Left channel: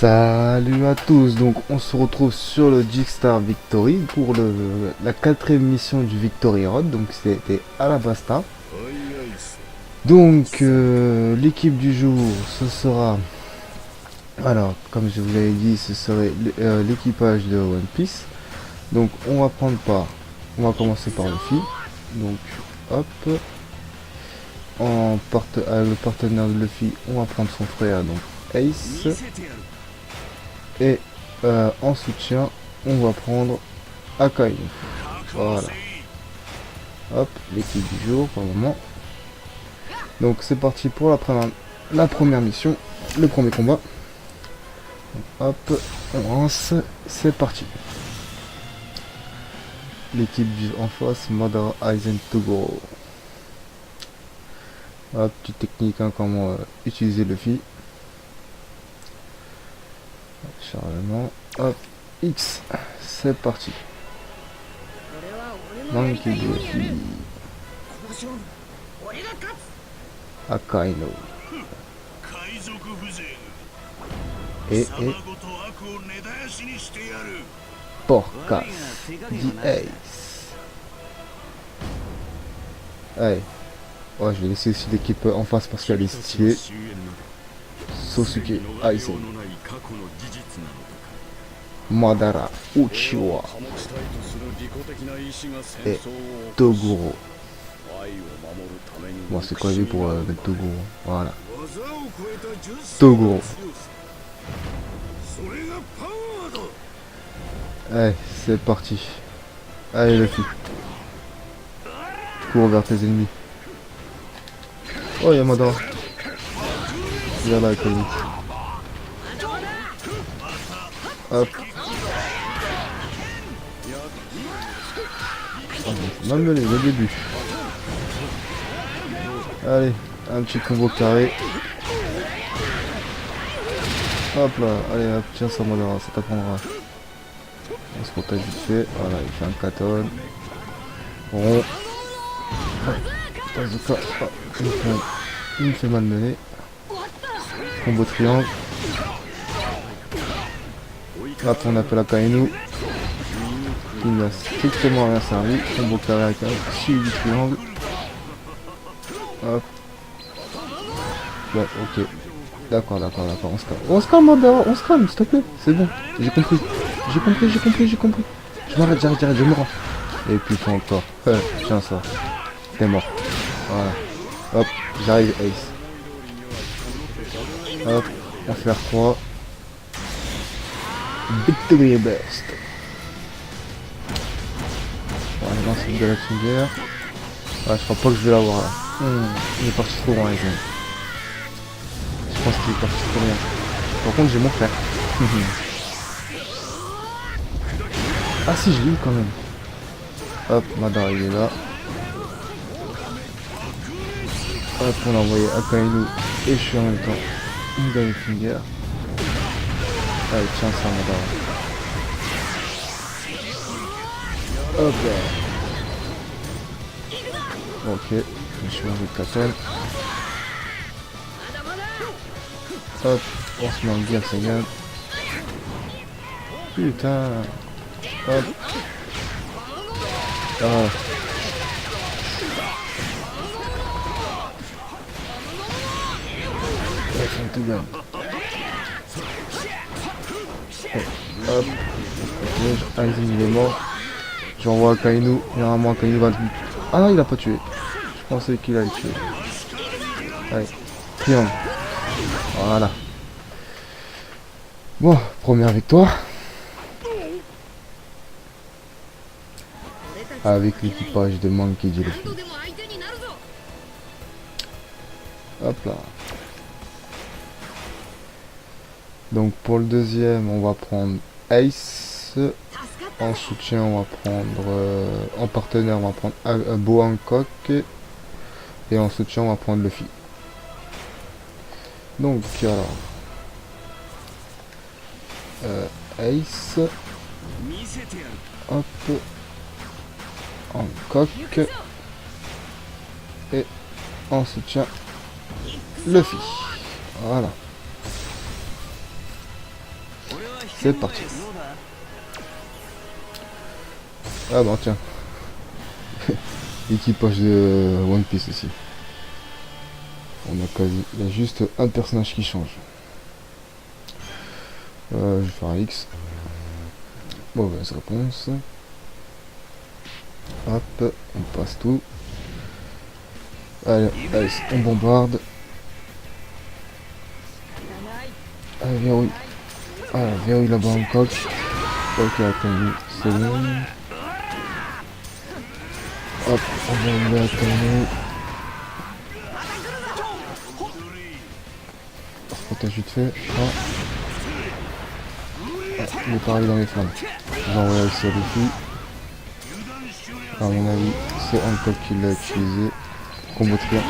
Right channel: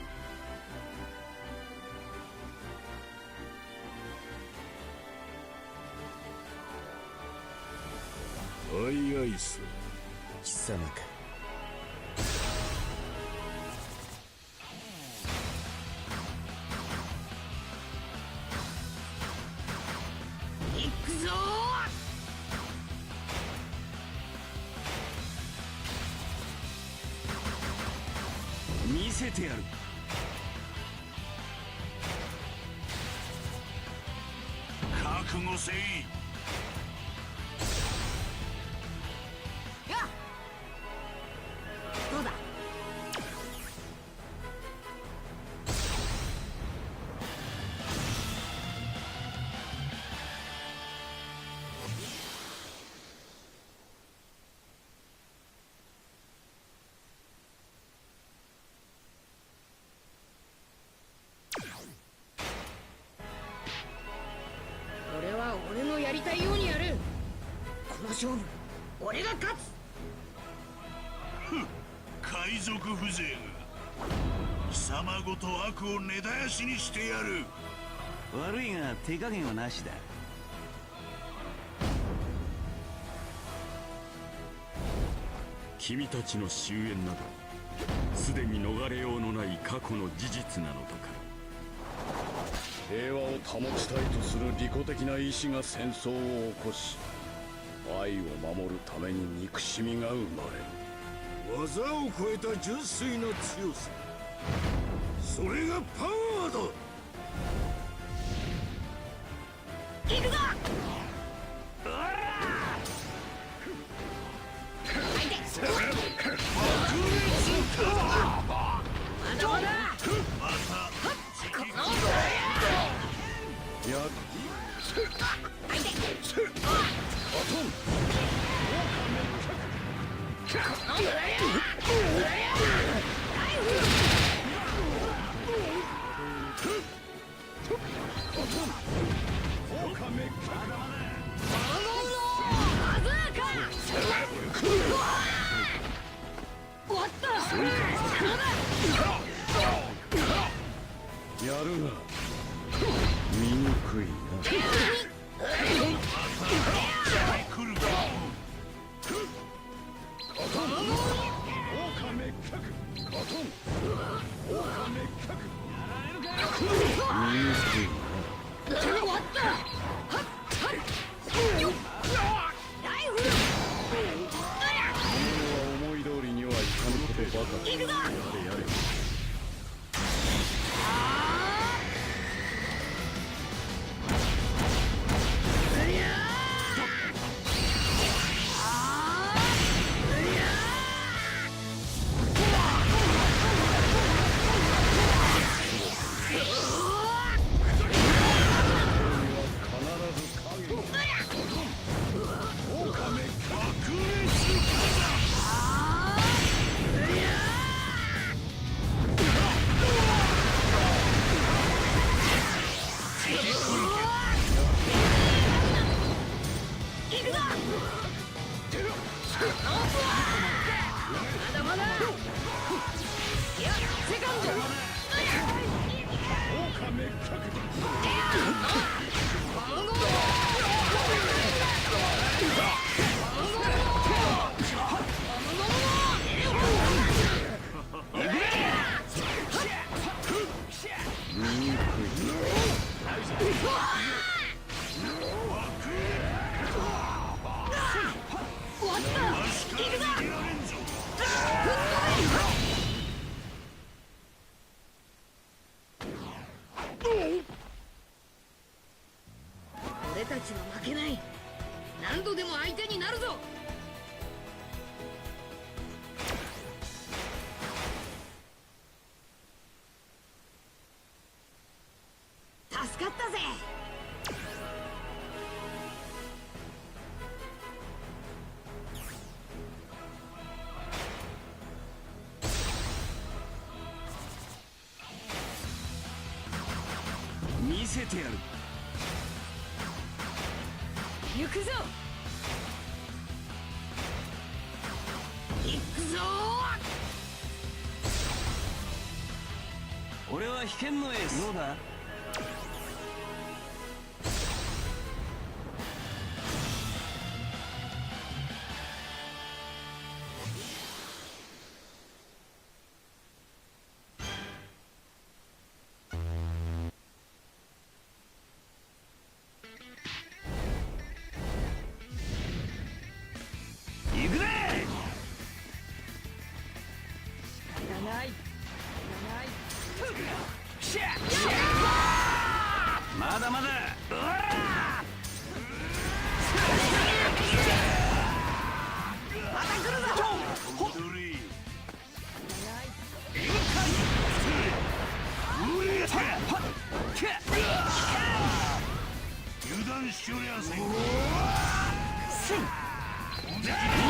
Salut à tous, donc on se retrouve sur le Jigstar Victory pour la quatrième mission du Victory Road, donc c'était à la Basta. Donc l'équipe du jour, ce sera, alors comme je vous l'avais dit, ce serait l'équipage de One Piece. Donc on va on va commencer par Luffy, donc hop, le partenaire de Luffy, on va prendre son frère, donc Ace. Et en soutien, on va prendre Akai. Voilà. Hop, l'équipe du jour pour le moment. Donc c'est parti pour la première mission, le premier combat. Hop, on lance, c'est parti. L'équipe en face, Madara Aizen Toguro. Hop, petite technique, hein, comment utiliser le fil. Charlement, hop, X, c'est parti. Akaino. Et Porca. Allez. Ouais, je vais laisser aussi l'équipe en face parce qu'elle est stylée. Sosuke Aizen. Madara Uchiwa. Et Toguro. Bon, c'est quoi pour mettre Toguro? Voilà. Toguro. Allez, c'est parti. Allez, les filles. Cours vers tes ennemis. Oh, il y a Madara. Voilà, avec le... Hop. Mal mené, au début. Allez, un petit combo carré. Hop là, allez, tiens ça Madara, ça t'apprendra. On se repère vite fait, voilà, il fait un 14. Bon. Il me fait malmené. Combo triangle. Après on appelle Akainu. Il n'a strictement rien servi. Combo carré avec un suivi du triangle. Hop. Bon, ok. D'accord, on se calme, Madara, on se calme, s'il te plaît. C'est bon, j'ai compris. J'arrête, je mourrai. Et puis ça encore. Tiens ça. T'es mort. Voilà. Hop, j'arrive, Ace. Hop, on va faire 3. Victory best. On lance de la fingère. Ah, je crois pas que je vais l'avoir là. Il est parti trop loin, les gens. Je pense qu'il est parti trop loin. Par contre, j'ai mon frère. Ah si, j'ai eu quand même. Hop, Madara il est là. Hop, on a envoyé Akainu et je suis en même temps. Une Golden Finger. Allez, tiens ça, Madara. Hop. Ok, je suis en vite appel. Hop, on se met bien, ça vient. Putain. Hop. Oh. Tout bien. Hop. Donc, Aizen il est mort. J'envoie Akainu. Généralement Akainu va... Ah, il a pas tué. Je pensais qu'il allait tuer. Allez. Triangle. Voilà. Bon, première victoire. Avec l'équipage de Monkey D. Hop là. Donc pour le deuxième, on va prendre Ace. En soutien, on va prendre... en partenaire, on va prendre Bo Hancock. Et en soutien, on va prendre Luffy. Donc voilà. Ace. Hop. Hancock. Et en soutien, Luffy. Voilà. C'est parti. Ah bah tiens. Équipage de One Piece ici. On a quasi... Il y a juste un personnage qui change. Je vais faire un X. Mauvaise réponse. Hop, on passe tout. Allez, on bombarde. Allez, verrouille. Allez, verrouille là-bas encore. Ok, attendez, c'est bon. Hop, on va le mettre. Attends, vite fait. Il est pareil dans les flammes. On va essayer dessus. À mon avis, c'est un code qui l'a utilisé. Combo tir.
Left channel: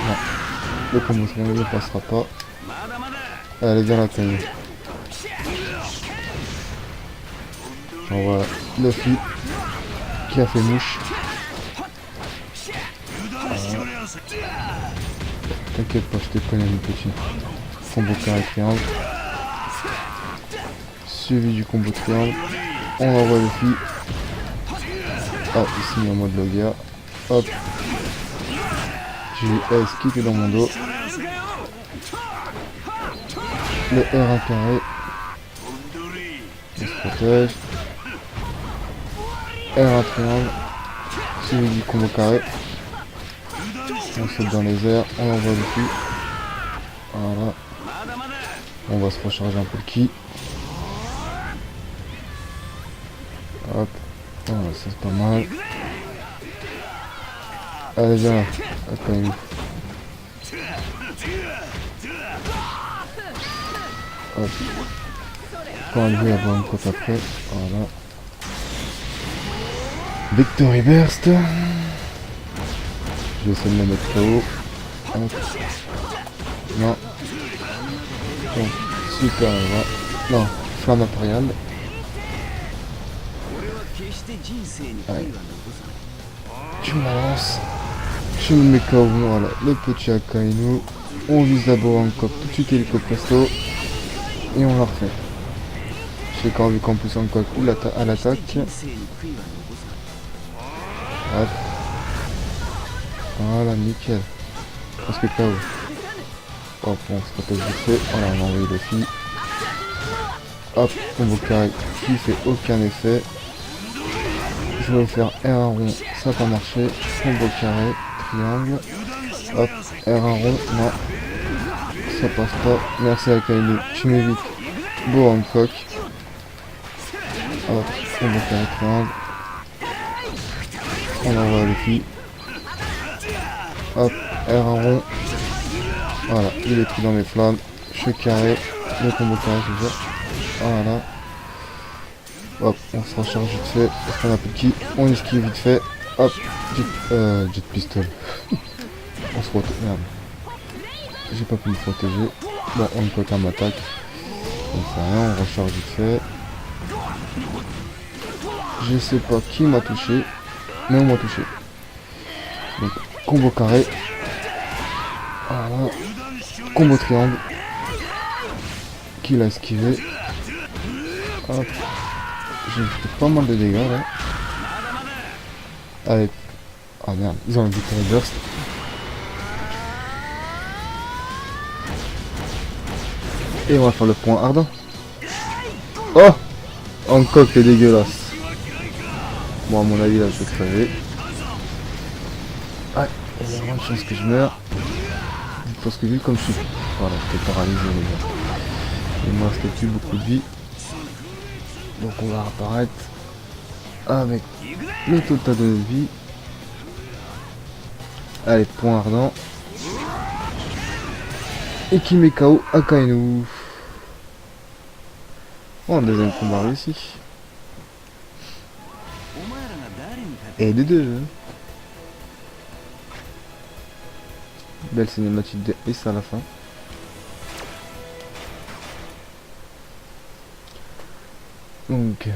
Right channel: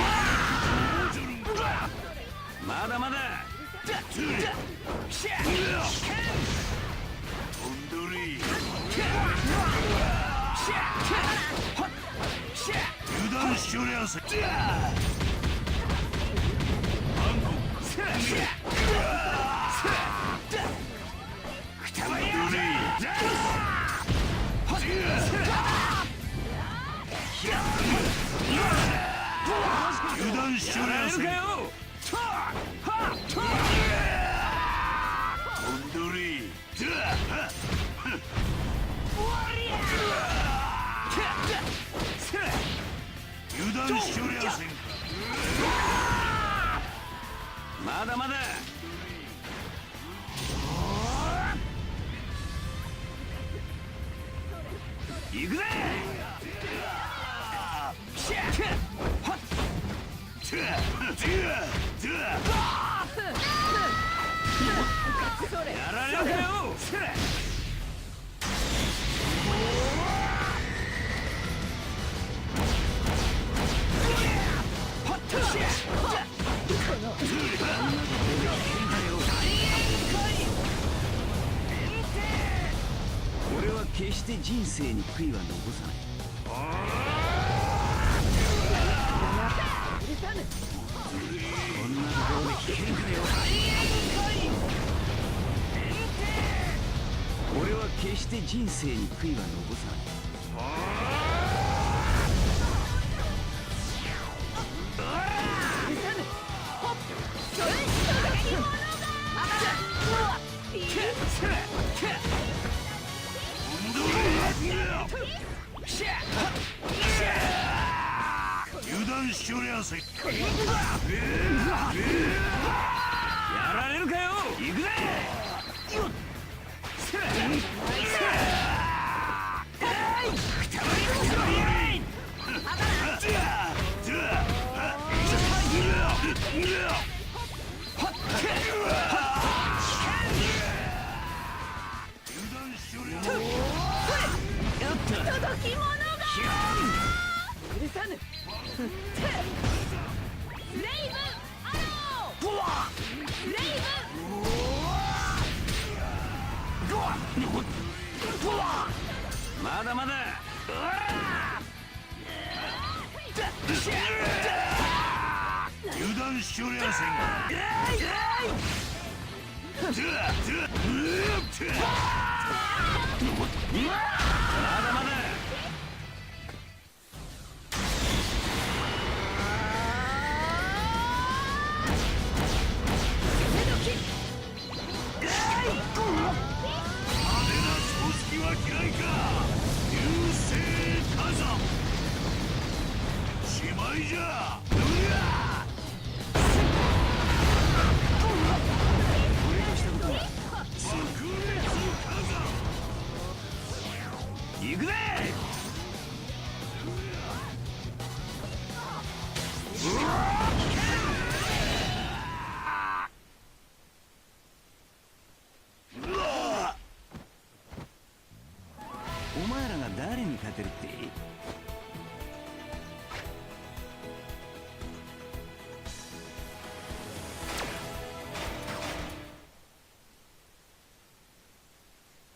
Le combo tir ne passera pas. Allez, viens la tenue. Voilà, Luffy qui a fait mouche. T'inquiète pas, je te connais mon petit. Combo tir infernal. Suivi du combo tir. On va voir Luffy. Hop, ici en mode Logia. Hop. J'ai eu S qui était dans mon dos. Le R inférieur. Protège. R inférieur. Suivi du combo carré. On saute dans les airs. On va Luffy. Voilà. On va se recharger un peu le ki. Hop. Voilà, c'est pas mal. Allez, viens. Attends. Hop. Faut enlever la bonne côte après. Voilà. Victory Burst. Je vais essayer de le mettre trop haut. Hop. Non. Super, là. Non, pas matériel. Ouais. Je m'avance. Je me mets KO, voilà, le petit Akainu. On vise d'abord encore tout de suite le perso. Et on la refait. J'ai quand vu qu'en plus encore cool à l'attaque. Hop. Voilà, nickel. Parce que KO. Hop, on se propose de feu. Voilà, on a enlevé les filles. Hop, combo carré qui fait aucun effet. Je vais faire R1 rond, ça va marcher. Combo carré, triangle. Hop, R1 rond, non. Ça passe pas. Merci à Kainu, tu m'évites. Beau Hancock. Hop, combo carré, triangle. On va voir les filles. Hop, R1 rond. Voilà, il est pris dans les flammes. Je suis carré. Le combo carré, je veux. Voilà. Hop, on se recharge vite fait. On a petit. On esquive vite fait. Hop, jet pistol. On se retrouve. J'ai pas pu me protéger. Bon, on peut pas m'attaquer. On recharge vite fait. Je sais pas qui m'a touché. Mais on m'a touché. Donc, combo carré. Voilà. Combo triangle. Qui l'a esquivé. Hop. J'ai fait pas mal de dégâts là. Avec... Ah merde, ils ont un Victory Burst. Et on va faire le point ardent. Oh, Hancock est dégueulasse. Bon, à mon avis là c'est crevé. Ah, il y a une chance que je meurs. Parce que vu comme je suis... Voilà, je suis paralysé. Il me reste plus beaucoup de vie. Donc on va apparaître avec le total de vie. Allez, point ardent. Et qui met KO Akainu. Oh, un deuxième combat réussi. Et les deux. Belle cinématique de S à la fin. Donc,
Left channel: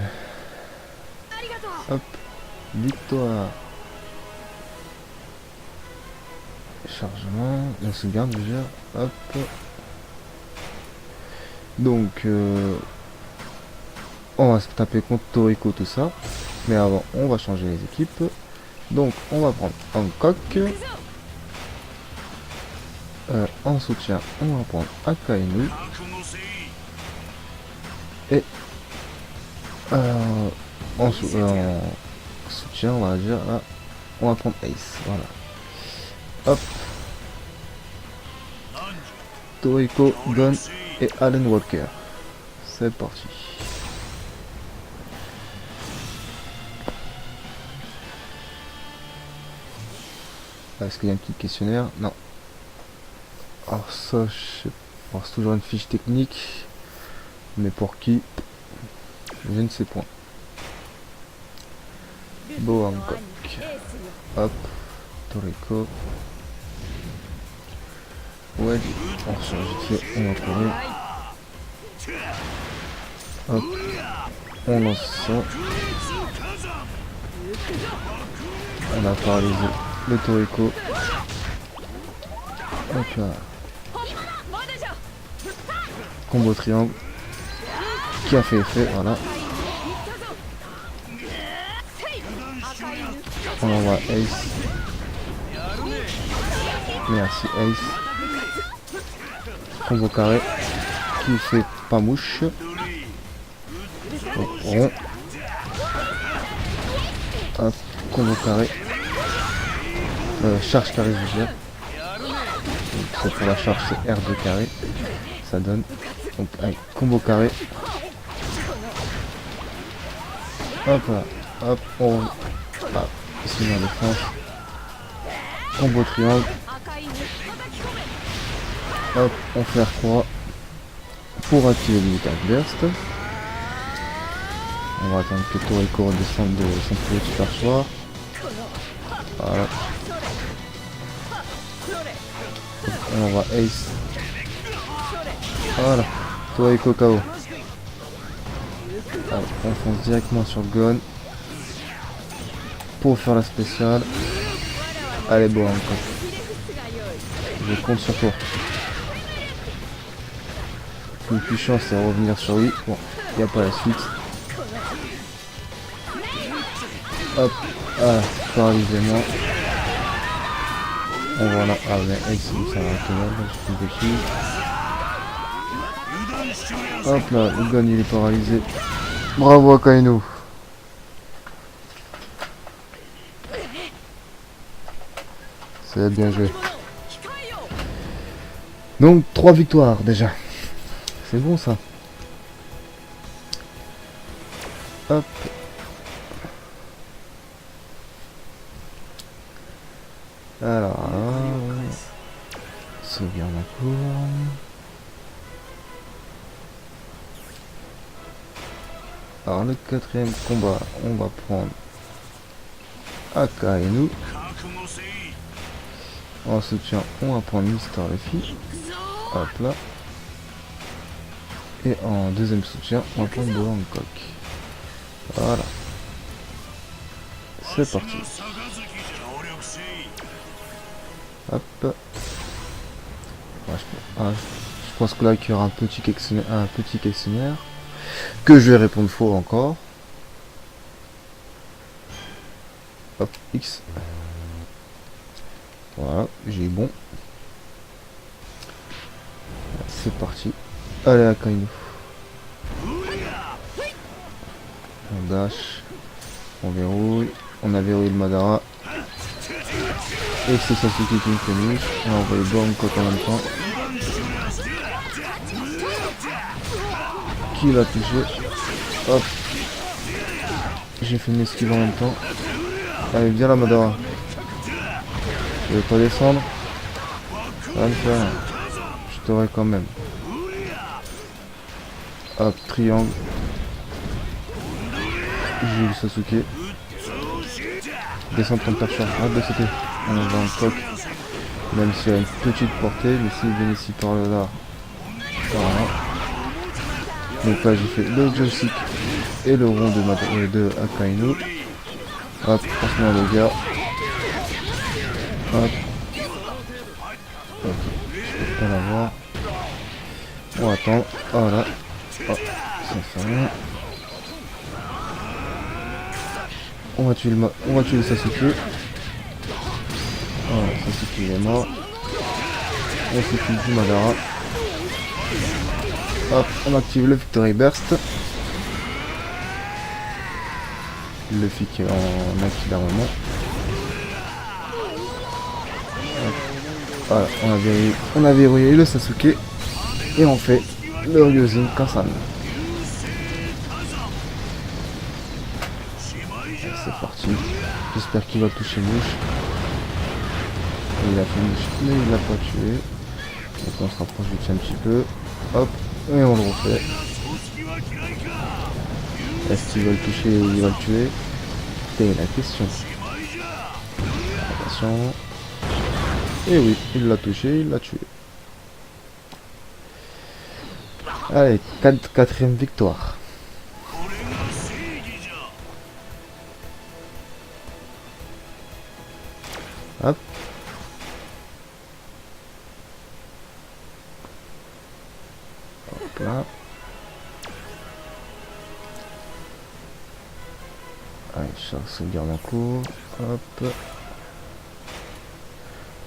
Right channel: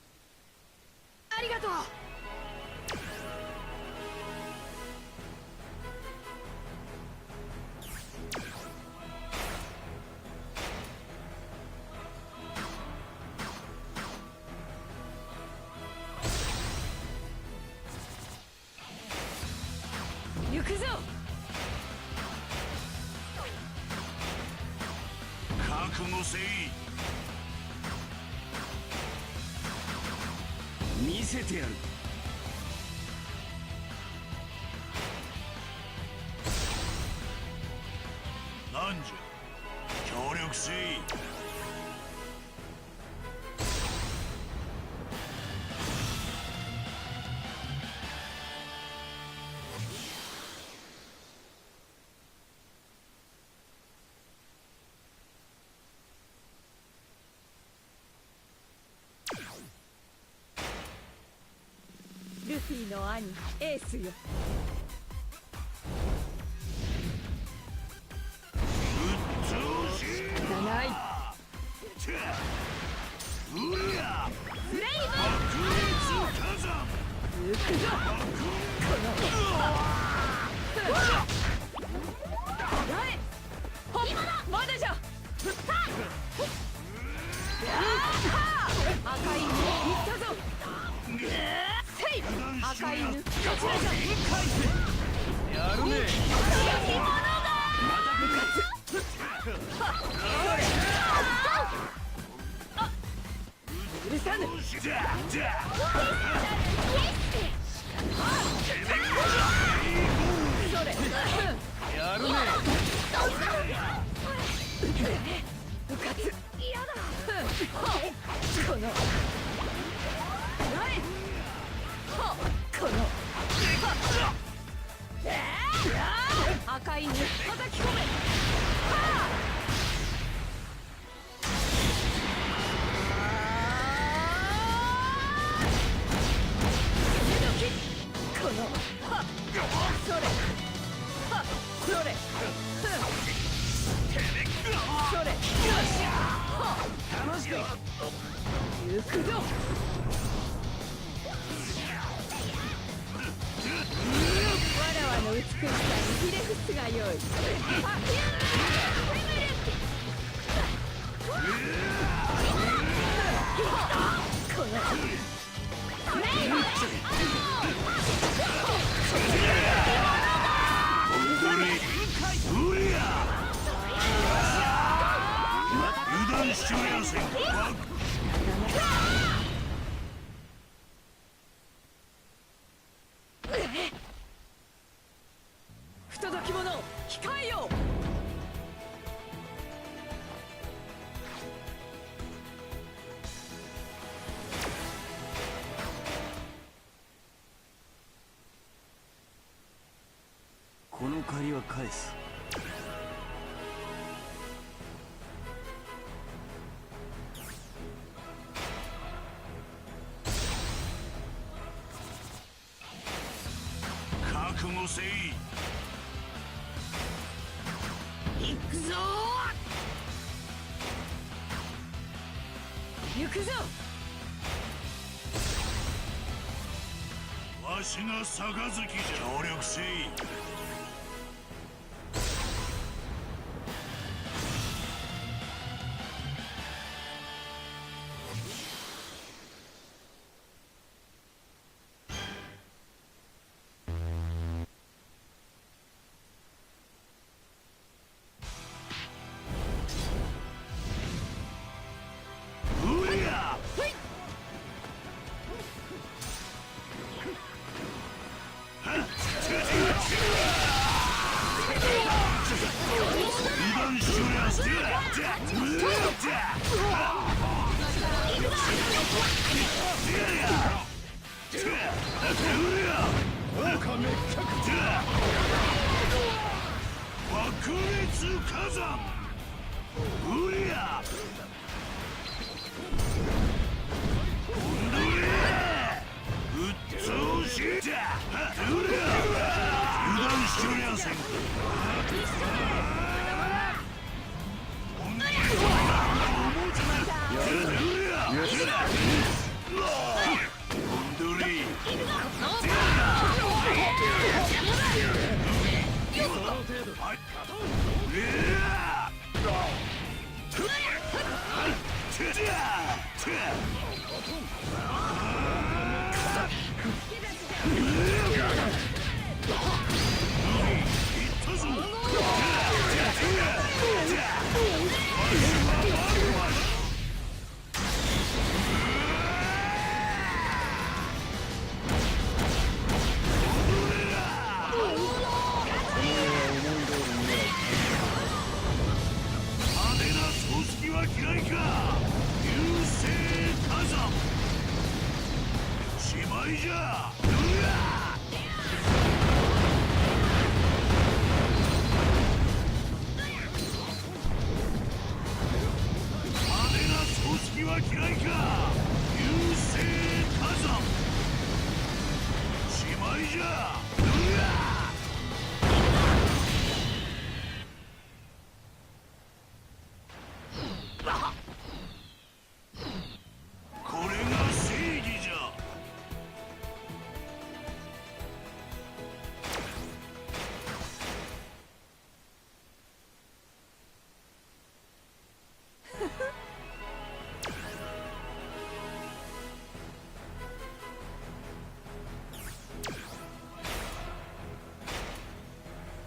hop, victoire. Chargement, on se garde déjà, hop. Donc, On va se taper contre Toriko, tout ça. Mais avant, on va changer les équipes. Donc, on va prendre Hancock. En soutien, on va prendre Akainu. Et en soutien, on va dire là, on va prendre Ace. Voilà. Hop. Toriko, Gon et Alan Walker. C'est parti. Est-ce qu'il y a un petit questionnaire? Non. Alors ça, je sais pas. C'est toujours une fiche technique. Mais pour qui? Je ne sais point. Beau Hancock. Hop. Toriko. Ouais. Ensuite, on va prendre. Hop. On lance ça. On a paralysé le Toriko. Donc là. Combo triangle. Qui a fait effet, voilà. On envoie Ace. Merci Ace. Combo carré. Qui fait pas mouche. Rond. Hop, combo carré. Charge carré visuel. Pour la charge c'est R2 carré. Ça donne. Donc allez, combo carré. Hop là. Hop, on. Là. C'est dans le sens. Combo triangle. Hop, on fait R3 pour activer le Metal Burst. On va attendre que Toriko redescende de son petit passoire. Voilà. On va Ace. Voilà. Toriko KO. On fonce directement sur Gon. Pour faire la spéciale. Allez, bon. Je compte sur toi. Une puissance c'est revenir sur lui. Bon, on va pas la suite. Hop, ah, paralysement. Et voilà, ah, mais Ace, hop là, Gon il est paralysé. Bravo Akainu. C'est bien joué. Donc 3 victoires déjà. C'est bon ça. Hop. Alors, sauvegarde la cour. Alors le quatrième combat, on va prendre Akainu. En soutien, on va prendre Mister Luffy. Hop là. Et en deuxième soutien, on va prendre de Hancock. Voilà. C'est parti. Hop. Je pense que là il y aura un petit questionnaire que je vais répondre faux encore. Hop, X. Voilà, j'ai eu bon. C'est parti. Allez, Akainu. On dash. On verrouille. On a verrouillé le Madara. Et c'est ça qui continue. On va le borne côté en même temps. Qui l'a touché? Hop. J'ai fait mes skills en même temps. Allez, viens là, Madara. Je vais pas descendre. Je t'aurai quand même. Hop, triangle. J'ai eu Sasuke. Descendre comme pas faire. Hop, de côté. On va un top. Même s'il y a une petite portée, mais s'il vient ici par là. Voilà. Donc là j'ai fait le classique et le rond de Akainu. Hop, attention les gars. Hop. On va voir. On attend. Voilà. Hop. On va tuer le Sasuke. Voilà, Sasuke il est mort. On s'occupe du Madara. Hop, on active le Victory Burst. Luffy qui va manquer d'armement. Voilà, on a verrouillé le Sasuke. Et on fait le Ryujin quand ça arrive. C'est parti. J'espère qu'il va toucher lui. Il va pas tuer. Donc on se rapproche du tien un petit peu. Hop, et on le refait. Est-ce qu'il va le toucher ou il va le tuer? C'est la question. Attention. Et oui, il l'a touché, il l'a tué. Allez, quatrième victoire. Hop. Hop là. Allez, je sauvegarde un coup. Hop.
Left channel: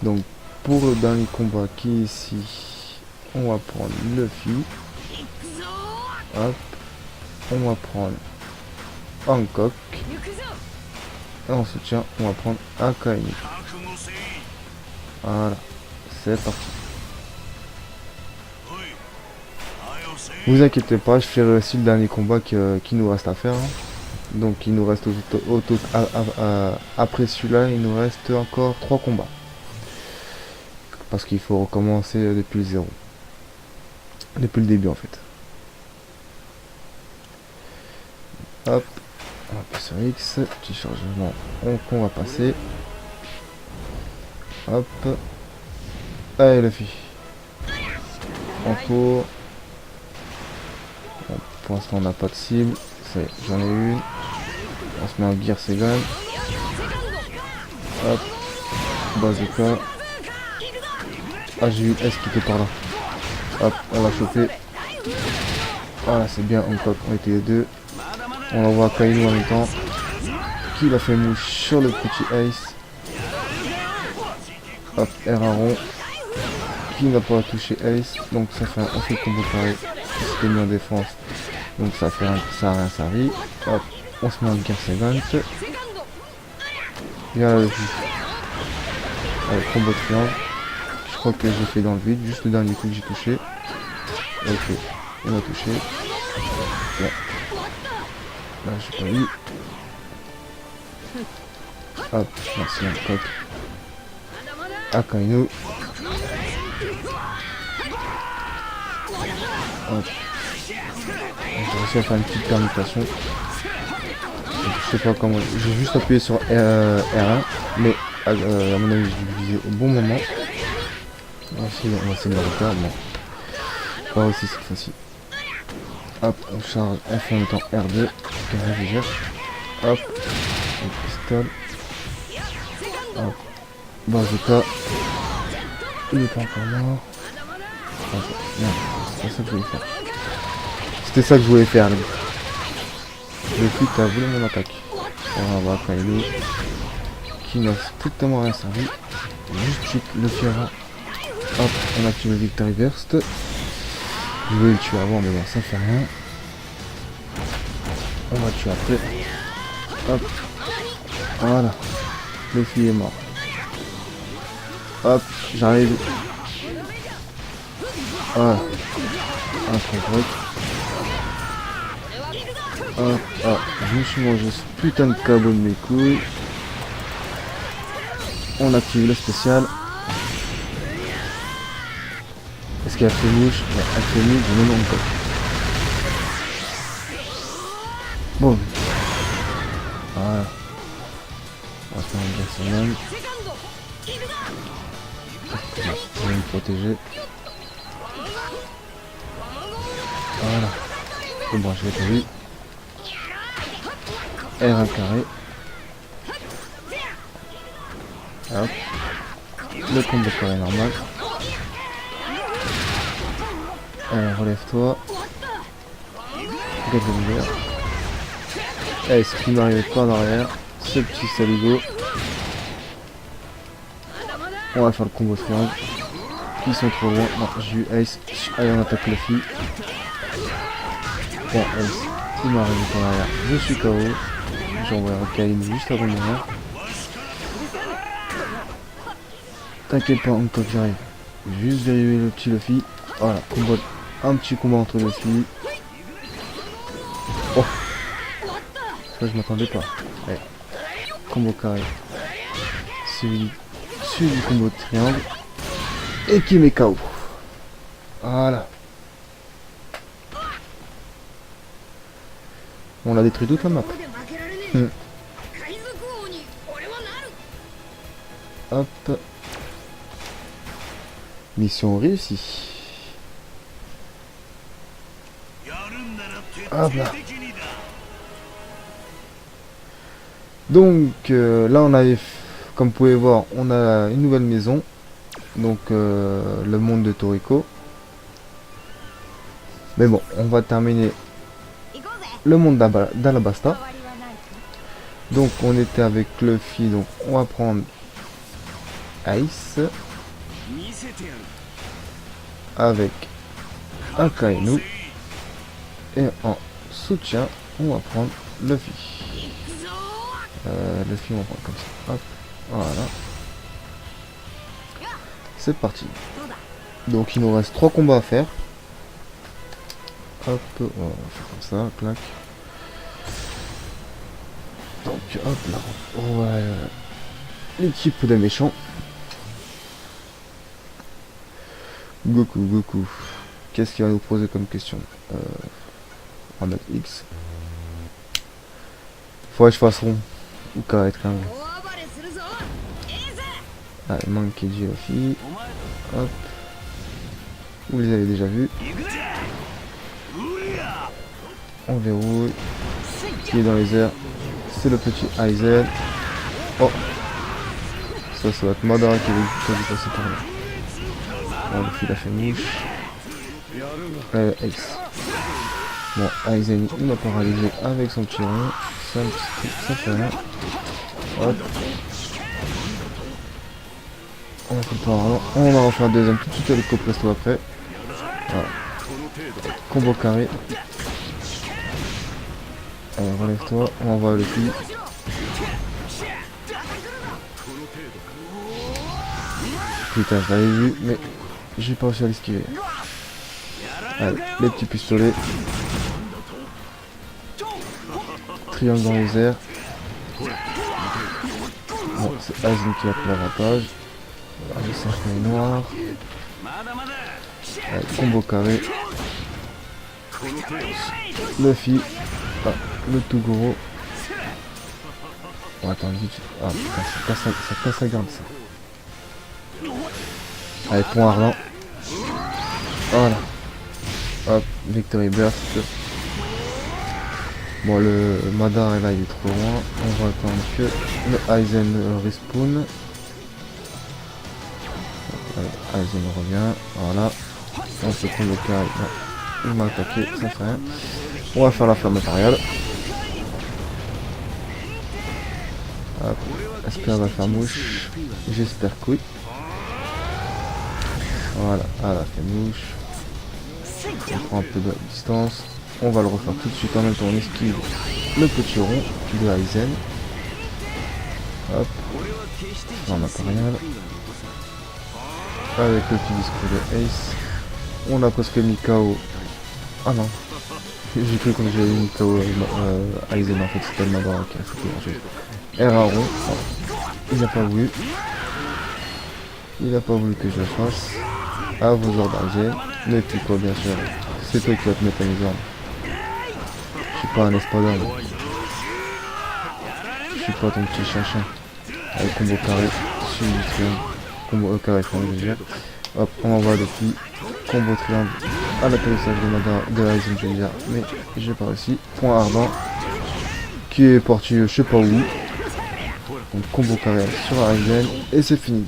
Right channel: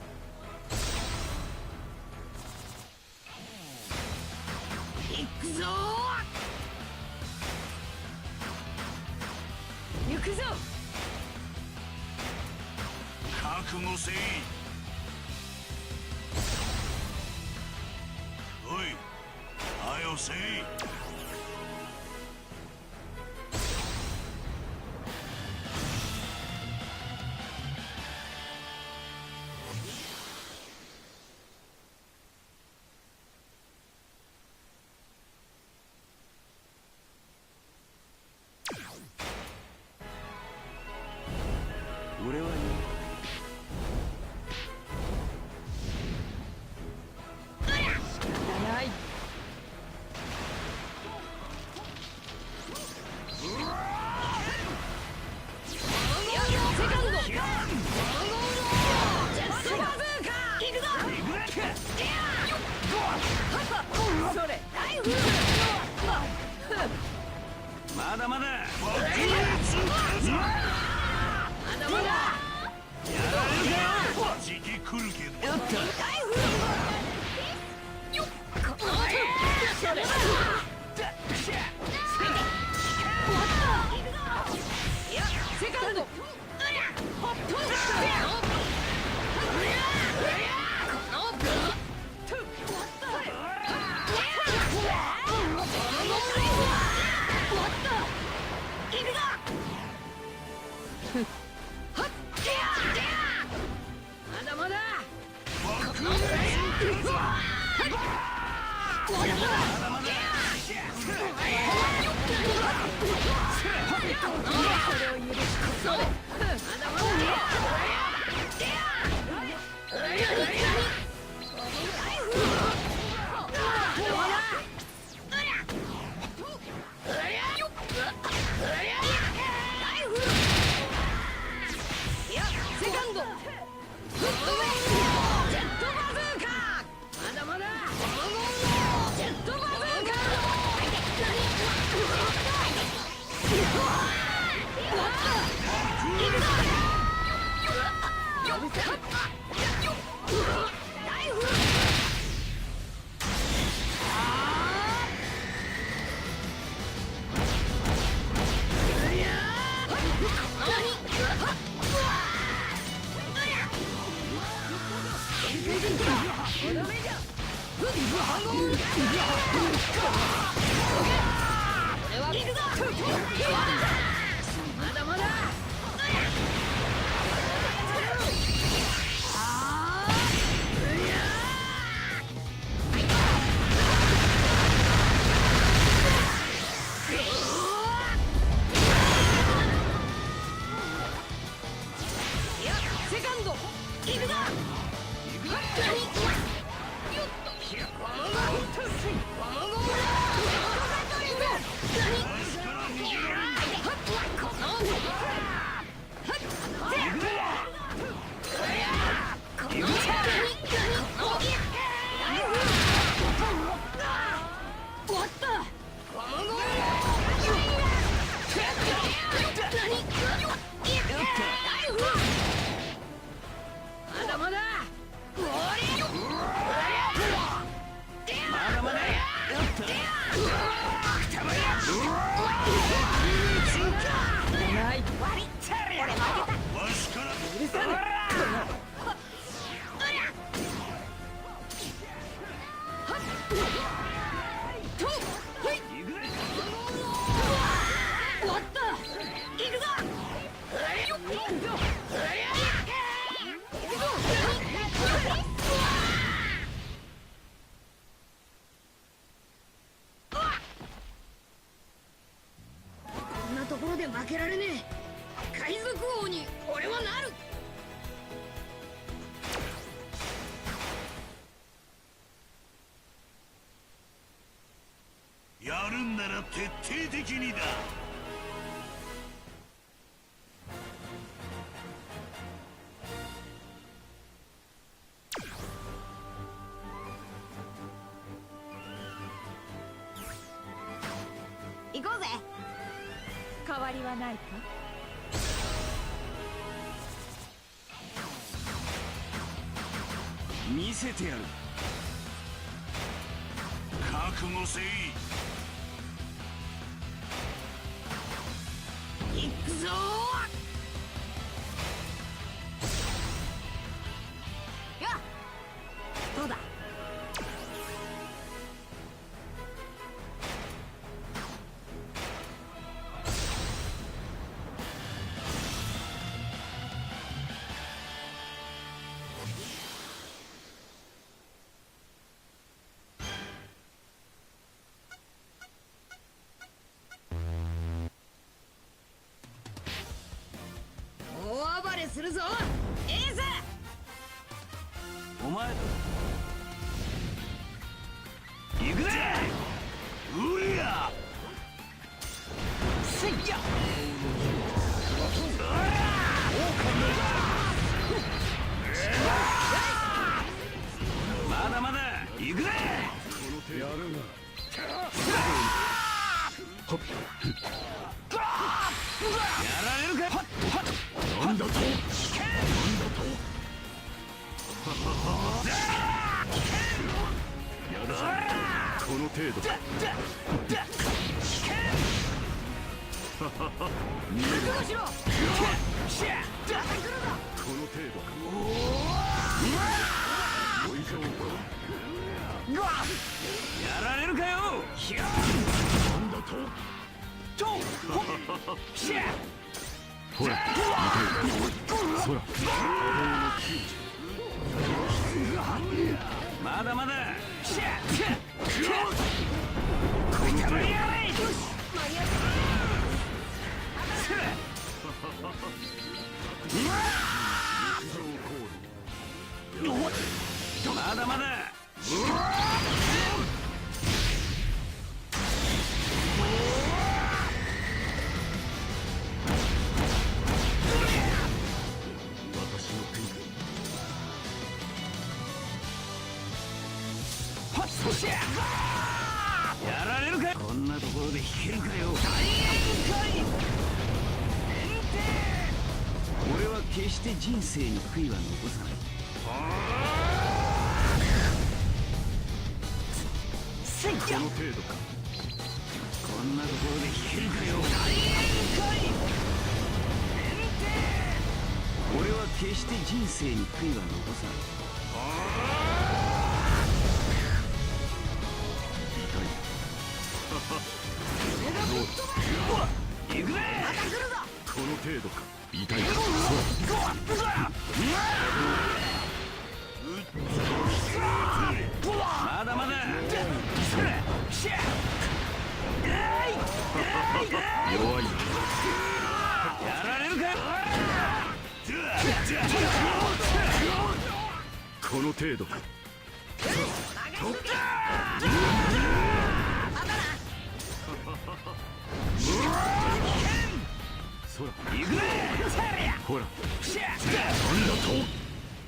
Donc, pour le dernier combat qui est ici, on va prendre Luffy. Hop. On va prendre Hancock. Et en soutien, on va prendre Akainu. Voilà, c'est parti. Vous inquiétez pas, je ferai aussi le dernier combat qui nous reste à faire. Donc il nous reste après celui-là, il nous reste encore 3 combats. Parce qu'il faut recommencer depuis le zéro. Depuis le début en fait. Hop. On va passer sur X, petit chargement, on va passer. Hop. Allez la fille. En cours. Bon, pour l'instant on n'a pas de cible. J'en ai une. On se met un Gear Segan. Hop. Bazooka. Ah j'ai eu S qui était par là. Hop, on va sauter. Voilà c'est bien, on était les deux. On va voir Kainu en même temps. Qui l'a fait mouche sur le petit Ace. Hop, R à rond. Qui va pouvoir toucher Ace. Donc ça fait un petit combo pareil. C'est mis en défense. Donc ça fait ça arrive. Hop, on se met en Gear Bien le combo de fin. Je crois que j'ai fait dans le vide. Juste le dernier coup que j'ai touché. Ok, on a touché. Ouais. Je peux lui. Hop, merci un code. Akainu. Hop. On va faire une petite permutation. Je sais pas comment. J'ai juste appuyé sur R1, mais à mon avis, j'ai visé au bon moment. Ah, c'est bien d'accord, mais. Ouais, aussi c'est facile. Hop, on charge, on fait en même temps R2. Hop, pistolet. Hop, bazooka. Il est pas encore mort. C'était ça que je voulais faire. Le coup qui a vu mon attaque. On va voir Kainu. Qui n'a strictement rien servi. Le terrain. Hop, on active le Victory Burst. Je voulais le tuer avant, mais ça fait rien. On va tuer après. Hop. Voilà. Le fil est mort. Hop, j'arrive. Voilà. Voilà. Alors, je me suis mangé ce putain de cadeau de mes couilles. On active le spécial. Est-ce qu'il y a fini? Il y a fini, j'en ai même pas. Bon. Voilà. On va faire une bonne semaine. On va me protéger. Voilà. C'est bon, je vais lui. Elle va carré. Hop. Le combo est normal. Alors relève-toi. Allez, si tu n'arrives pas en arrière, ce petit saligo. On va faire le combo suivant. Ils sont trop loin. Ah, j'ai eu Ace. Allez, on attaque Luffy. Bon, Ace, il m'arrive dans la... Je suis KO. J'envoie un Kalim juste avant le moment. T'inquiète pas, on peut j'arrive. Juste dériver le petit Luffy. Voilà, on voit un petit combat entre les filles. Oh, ça je m'attendais pas. Ouais. Combo carré. Suivi du combo de triangle. Et qui met KO. Voilà. On l'a détruit toute la map. Hop. Mission réussie. Hop là. Donc là on avait, comme vous pouvez voir, on a une nouvelle maison. Donc le monde de Toriko. Mais bon, on va terminer le monde d'Alabasta. Donc on était avec Luffy, donc on va prendre Ice. Avec un Kainu. Et en soutien, on va prendre Luffy. Luffy, on va prendre comme ça. Hop, voilà. C'est parti. Donc il nous reste 3 combats à faire. Hop, voilà, comme ça, clac. Donc hop là. Ouais. L'équipe des méchants. Goku. Qu'est-ce qu'il va nous poser comme question? On va mettre X. Faudrait que je fasse rond. Ou carré quand même. Allez, Monkey D. Luffy. Hop. Vous les avez déjà vus. On verrouille. Qui est dans les airs. C'est le petit Aizen. Oh. Ça va être Madara qui va passer par là. Il a fait mouche. Ace. Bon, Aizen il a paralysé avec son petit rond. Ça là. Hop. On va refaire un deuxième tout de suite avec le presto après. Voilà. Combo carré. Allez, relève-toi, on va le coup. Putain, j'avais vu, mais j'ai pas réussi à l'esquiver. Allez, les petits pistolets. Triangle dans les airs. C'est Aizen qui a pris l'avantage. Combo carré. Luffy. Ah, le tout gros. Oh, attends, vite. Ah, ça casse la garde. Allez, point Arlan. Voilà. Hop, Victory Burst. Bon, le Madara est là, il est trop loin. On va attendre un peu. Le Aizen respawn. Aizen revient. Voilà. On se prend le carré. On va attaquer. On va faire la flamme matérielle. Est-ce qu'elle va faire mouche? J'espère que oui. Voilà, elle a fait mouche. On prend un peu de distance. On va le refaire tout de suite en même temps. On esquive le petit rond de Aizen. Hop. En matériel. Avec le petit discours de Ace. On a presque mis KO. Ah non. J'ai cru que j'ai mis KO Aizen en fait, c'était le Madara qui a fait. Erraro. Il n'a pas voulu. Il n'a pas voulu que je le fasse. À vous organiser. Le petit code bien c'est toi qui vas te mettre à l'hiver. Je suis pas un espadon. Je suis pas ton petit chien. Avec combo carré. Combo carré pour le jeu. Hop, on envoie depuis. Combo triangle à la connaissance de Aizen Junior. Mais j'ai pas réussi. Point ardent. Qui est parti je sais pas où. Donc combo carré sur Aizen. Et c'est fini.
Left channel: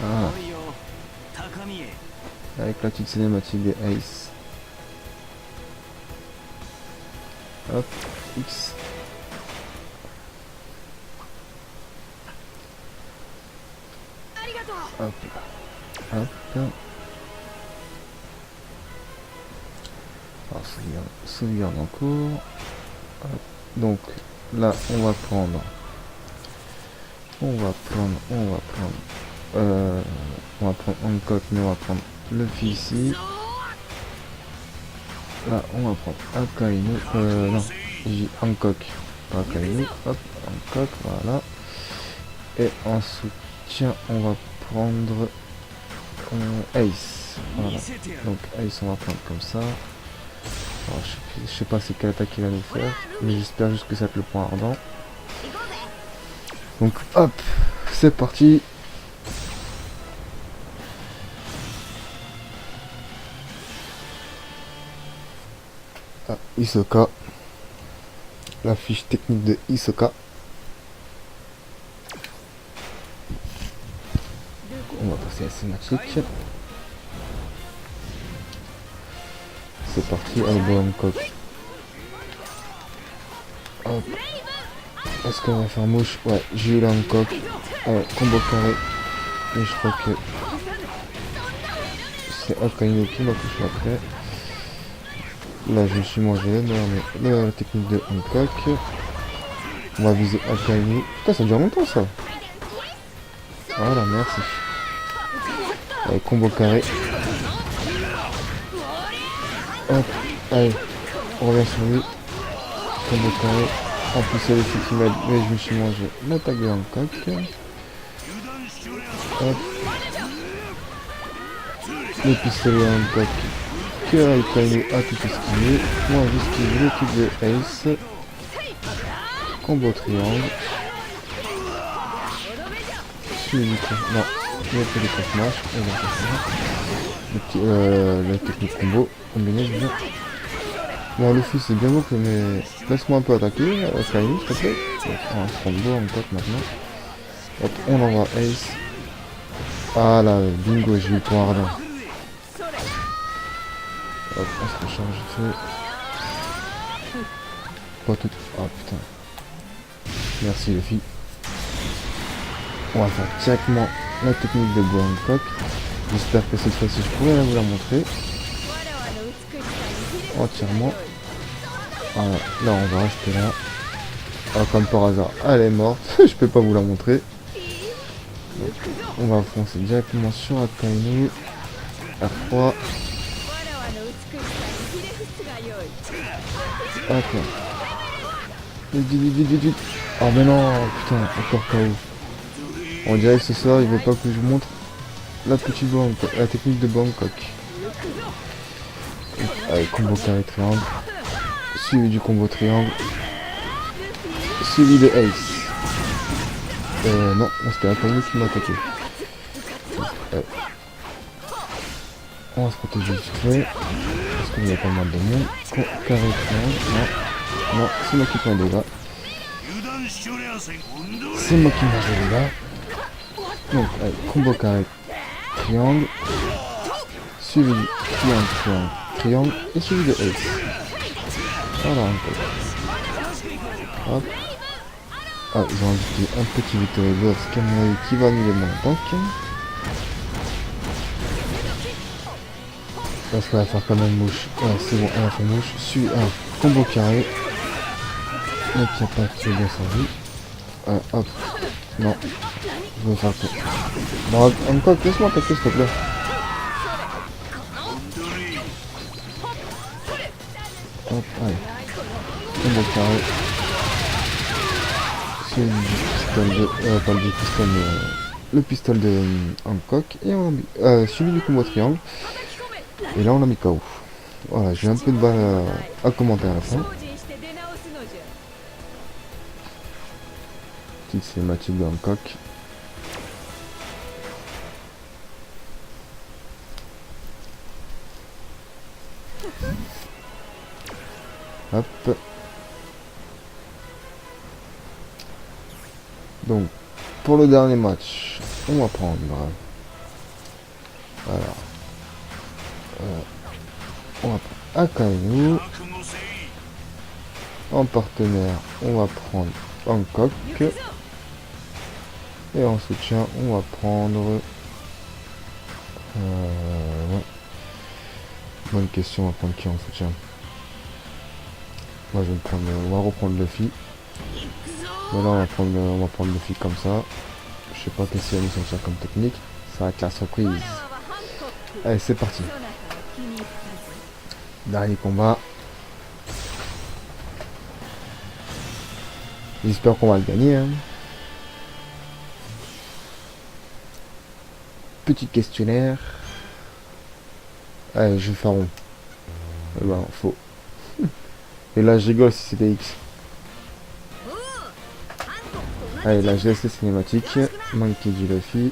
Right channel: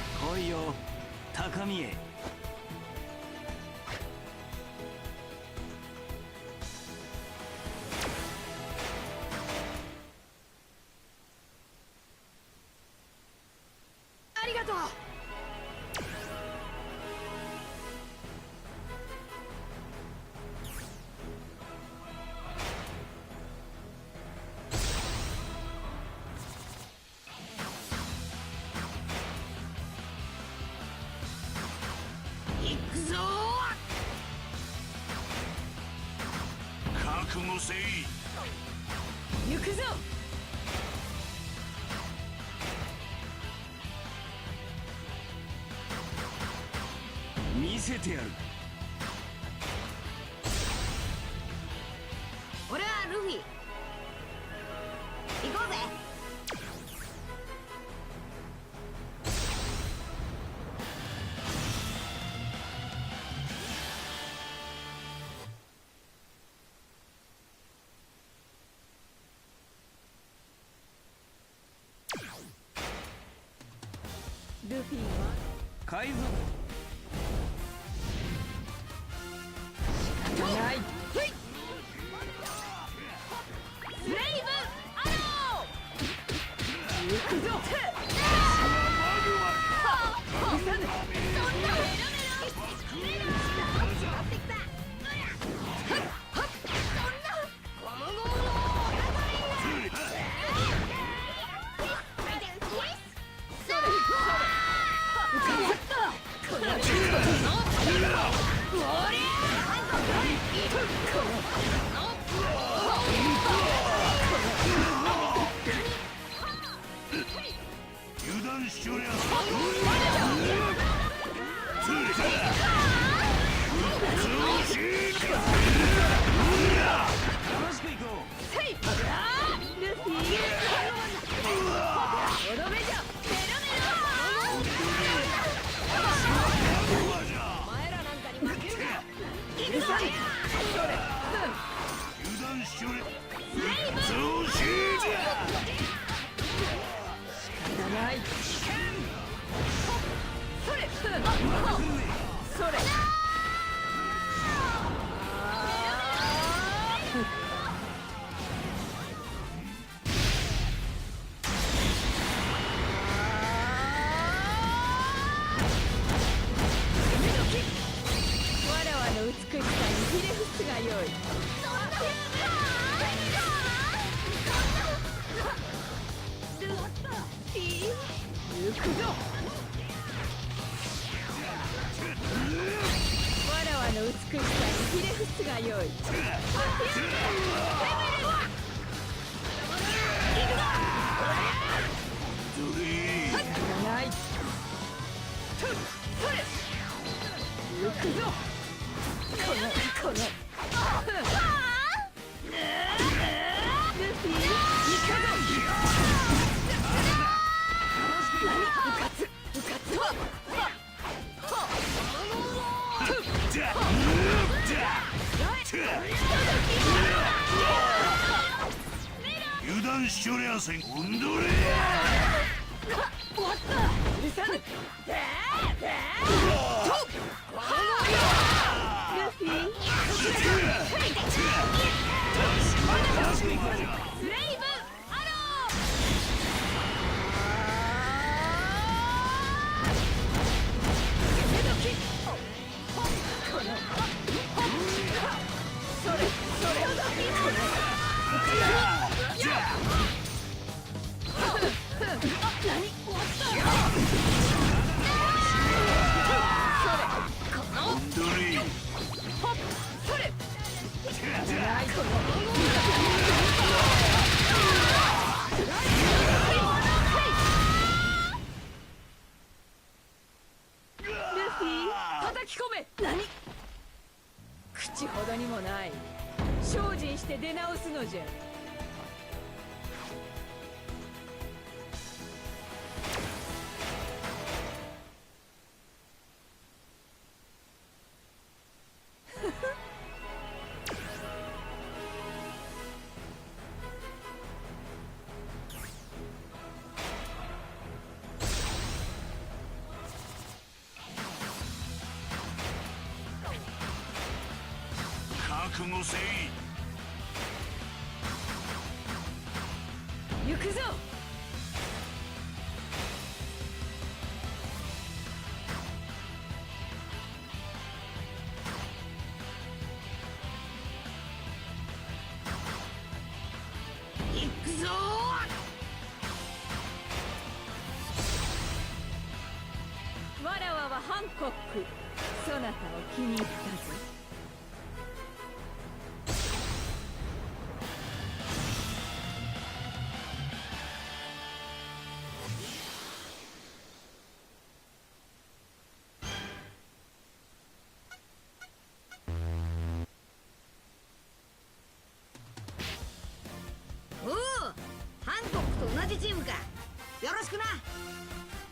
Ah. Avec la petite cinématique des Ace. Hop, X. Hop, hop. Alors, sauvegarde en cours. Hop. Donc là, on va prendre Hancock, mais on va prendre Luffy ici. Là, on va prendre Akainu, non, j'ai Hancock, Akainu, hop, Hancock, voilà. Et en soutien, on va prendre Ace. Voilà. Donc Ace, on va prendre comme ça. Alors, je sais pas c'est quelle attaque il va nous faire, mais j'espère juste que ça va être le point ardent. Donc hop, c'est parti. Ah, Hisoka. La fiche technique de Hisoka. On va passer à cinématique. C'est parti, on voit Hancock. Hop. Est-ce qu'on va faire mouche? Ouais, j'ai eu la Hancock. Combo carré. Et je crois que c'est Akainu qui m'a fait après. Là je me suis mangé la technique de Hancock. On va viser Akainu. Putain, ça dure longtemps ça. Voilà, merci. Allez, combo carré. Hop, allez, on va sur lui. Combo carré. En plus c'est le petit mode, mais je me suis mangé l'attaque de Hancock. Hop. Le pistolet Hancock. Que Akainu a tout exprimé. On va juste le coup de Ace. Combo triangle. Non, je vais faire le technique combo. Combiné, non, le fils c'est bien beau, mais laisse-moi un peu attaquer. Ça y est, ça fait. On va prendre deux en tête maintenant. Hop, on envoie Ace. Ah là, bingo, j'ai eu point ardent. Hop, on se change de feu. Pas tout. Ah putain. Merci les filles. On va faire directement la technique de Hancock. J'espère que cette fois-ci je pourrai vous la montrer. Entièrement. Voilà, là on va rester là. Ah, comme par hasard, elle est morte. Je peux pas vous la montrer. On va foncer directement sur Akainu. À 3. Ok. Vite. Ah mais non, putain, encore pas eu. On dirait que ce soir, il veut pas que je vous montre la petite Hancock, la technique de Hancock. Allez, combo carré triangle. Suivi du combo triangle. Suivi de Ace. Non, c'était Akainu qui m'a attaqué. On se protège du feu. Il y a pas mal de monde. Carré triangle. Non, c'est moi qui tombe là. C'est moi qui m'arrive là. Donc, combo carré triangle. Suivi triangle. Et suivi de Ace. Voilà. Hop. Ah, ils vont utiliser un petit boss qui va nous donner un tank. Là, je vais faire quand même mouche. C'est bon, on va faire mouche. Suis un combo carré. Donc, il n'y a pas de bien servi. Hop. Non. Je vais faire ça. Non, Hancock, laisse-moi attaquer, s'il te plaît. Hop, allez. Combo carré. Le pistolet de Hancock et on a suivi du combo triangle et là on a mis KO. Voilà, j'ai un peu de balle à commenter à la fin. Petite cinématique de Hancock. Hop. Donc, pour le dernier match, on va prendre on va prendre Akainu. En partenaire, on va prendre Hancock. Et en soutien, on va prendre... Bonne question, on va prendre qui en soutien? Moi, je vais prendre, on va reprendre Luffy. Voilà, on va prendre Luffy comme ça. Je sais pas que c'est une censure comme technique. Ça va être la surprise. Allez, c'est parti. Dernier combat. J'espère qu'on va le gagner. Hein. Petit questionnaire. Allez, je vais faire rond. Bah, faux. Et là, je rigole si c'était X. Allez, là, je laisse les cinématiques. Monkey D. Luffy.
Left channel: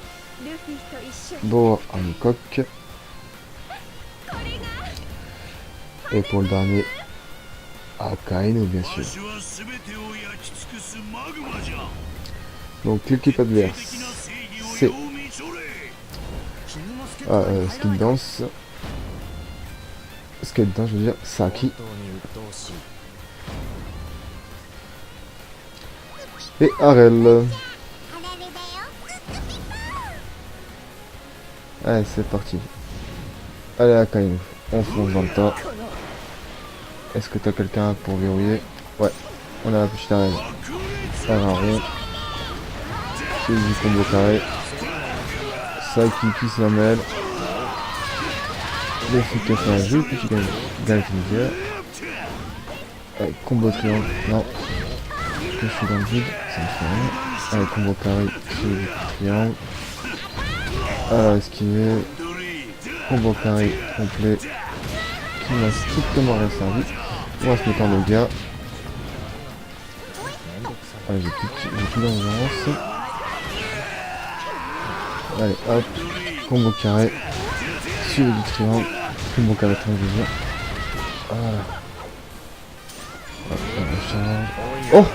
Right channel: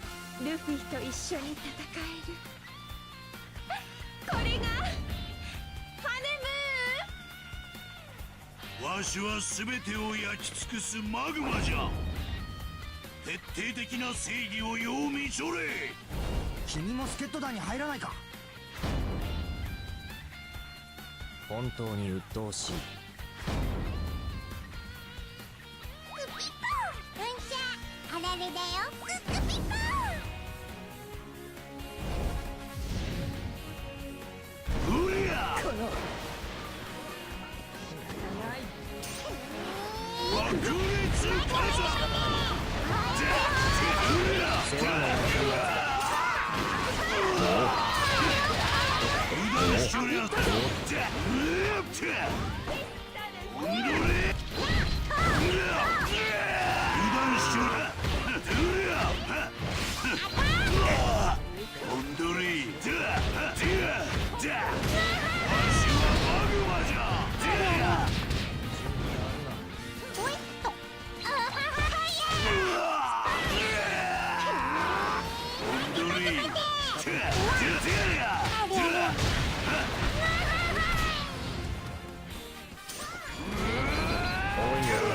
Boa Hancock. Et pour le dernier, Akainu, bien sûr. Donc, l'équipe adverse, c'est Skate Dance. Skate Dance, je veux dire Saki. Et Arel. Allez, c'est parti. Allez, Akainu, on fonce dans le tas. Est-ce que t'as quelqu'un pour verrouiller? Ouais, on a la petite arène. Ça va rien. C'est du combo carré. Saki qui se la mêle. L'efficacité à jeu, qui gagne. Combo carré. Non. Je suis dans le vide. Allez, combo carré. Esquiver. Combo carré complet. On a strictement resservi. On va se mettre en dégâts. Allez, j'ai tout dans l'avance. Allez, hop. Combo carré. Sur le différent. Combo carré transition. Oh!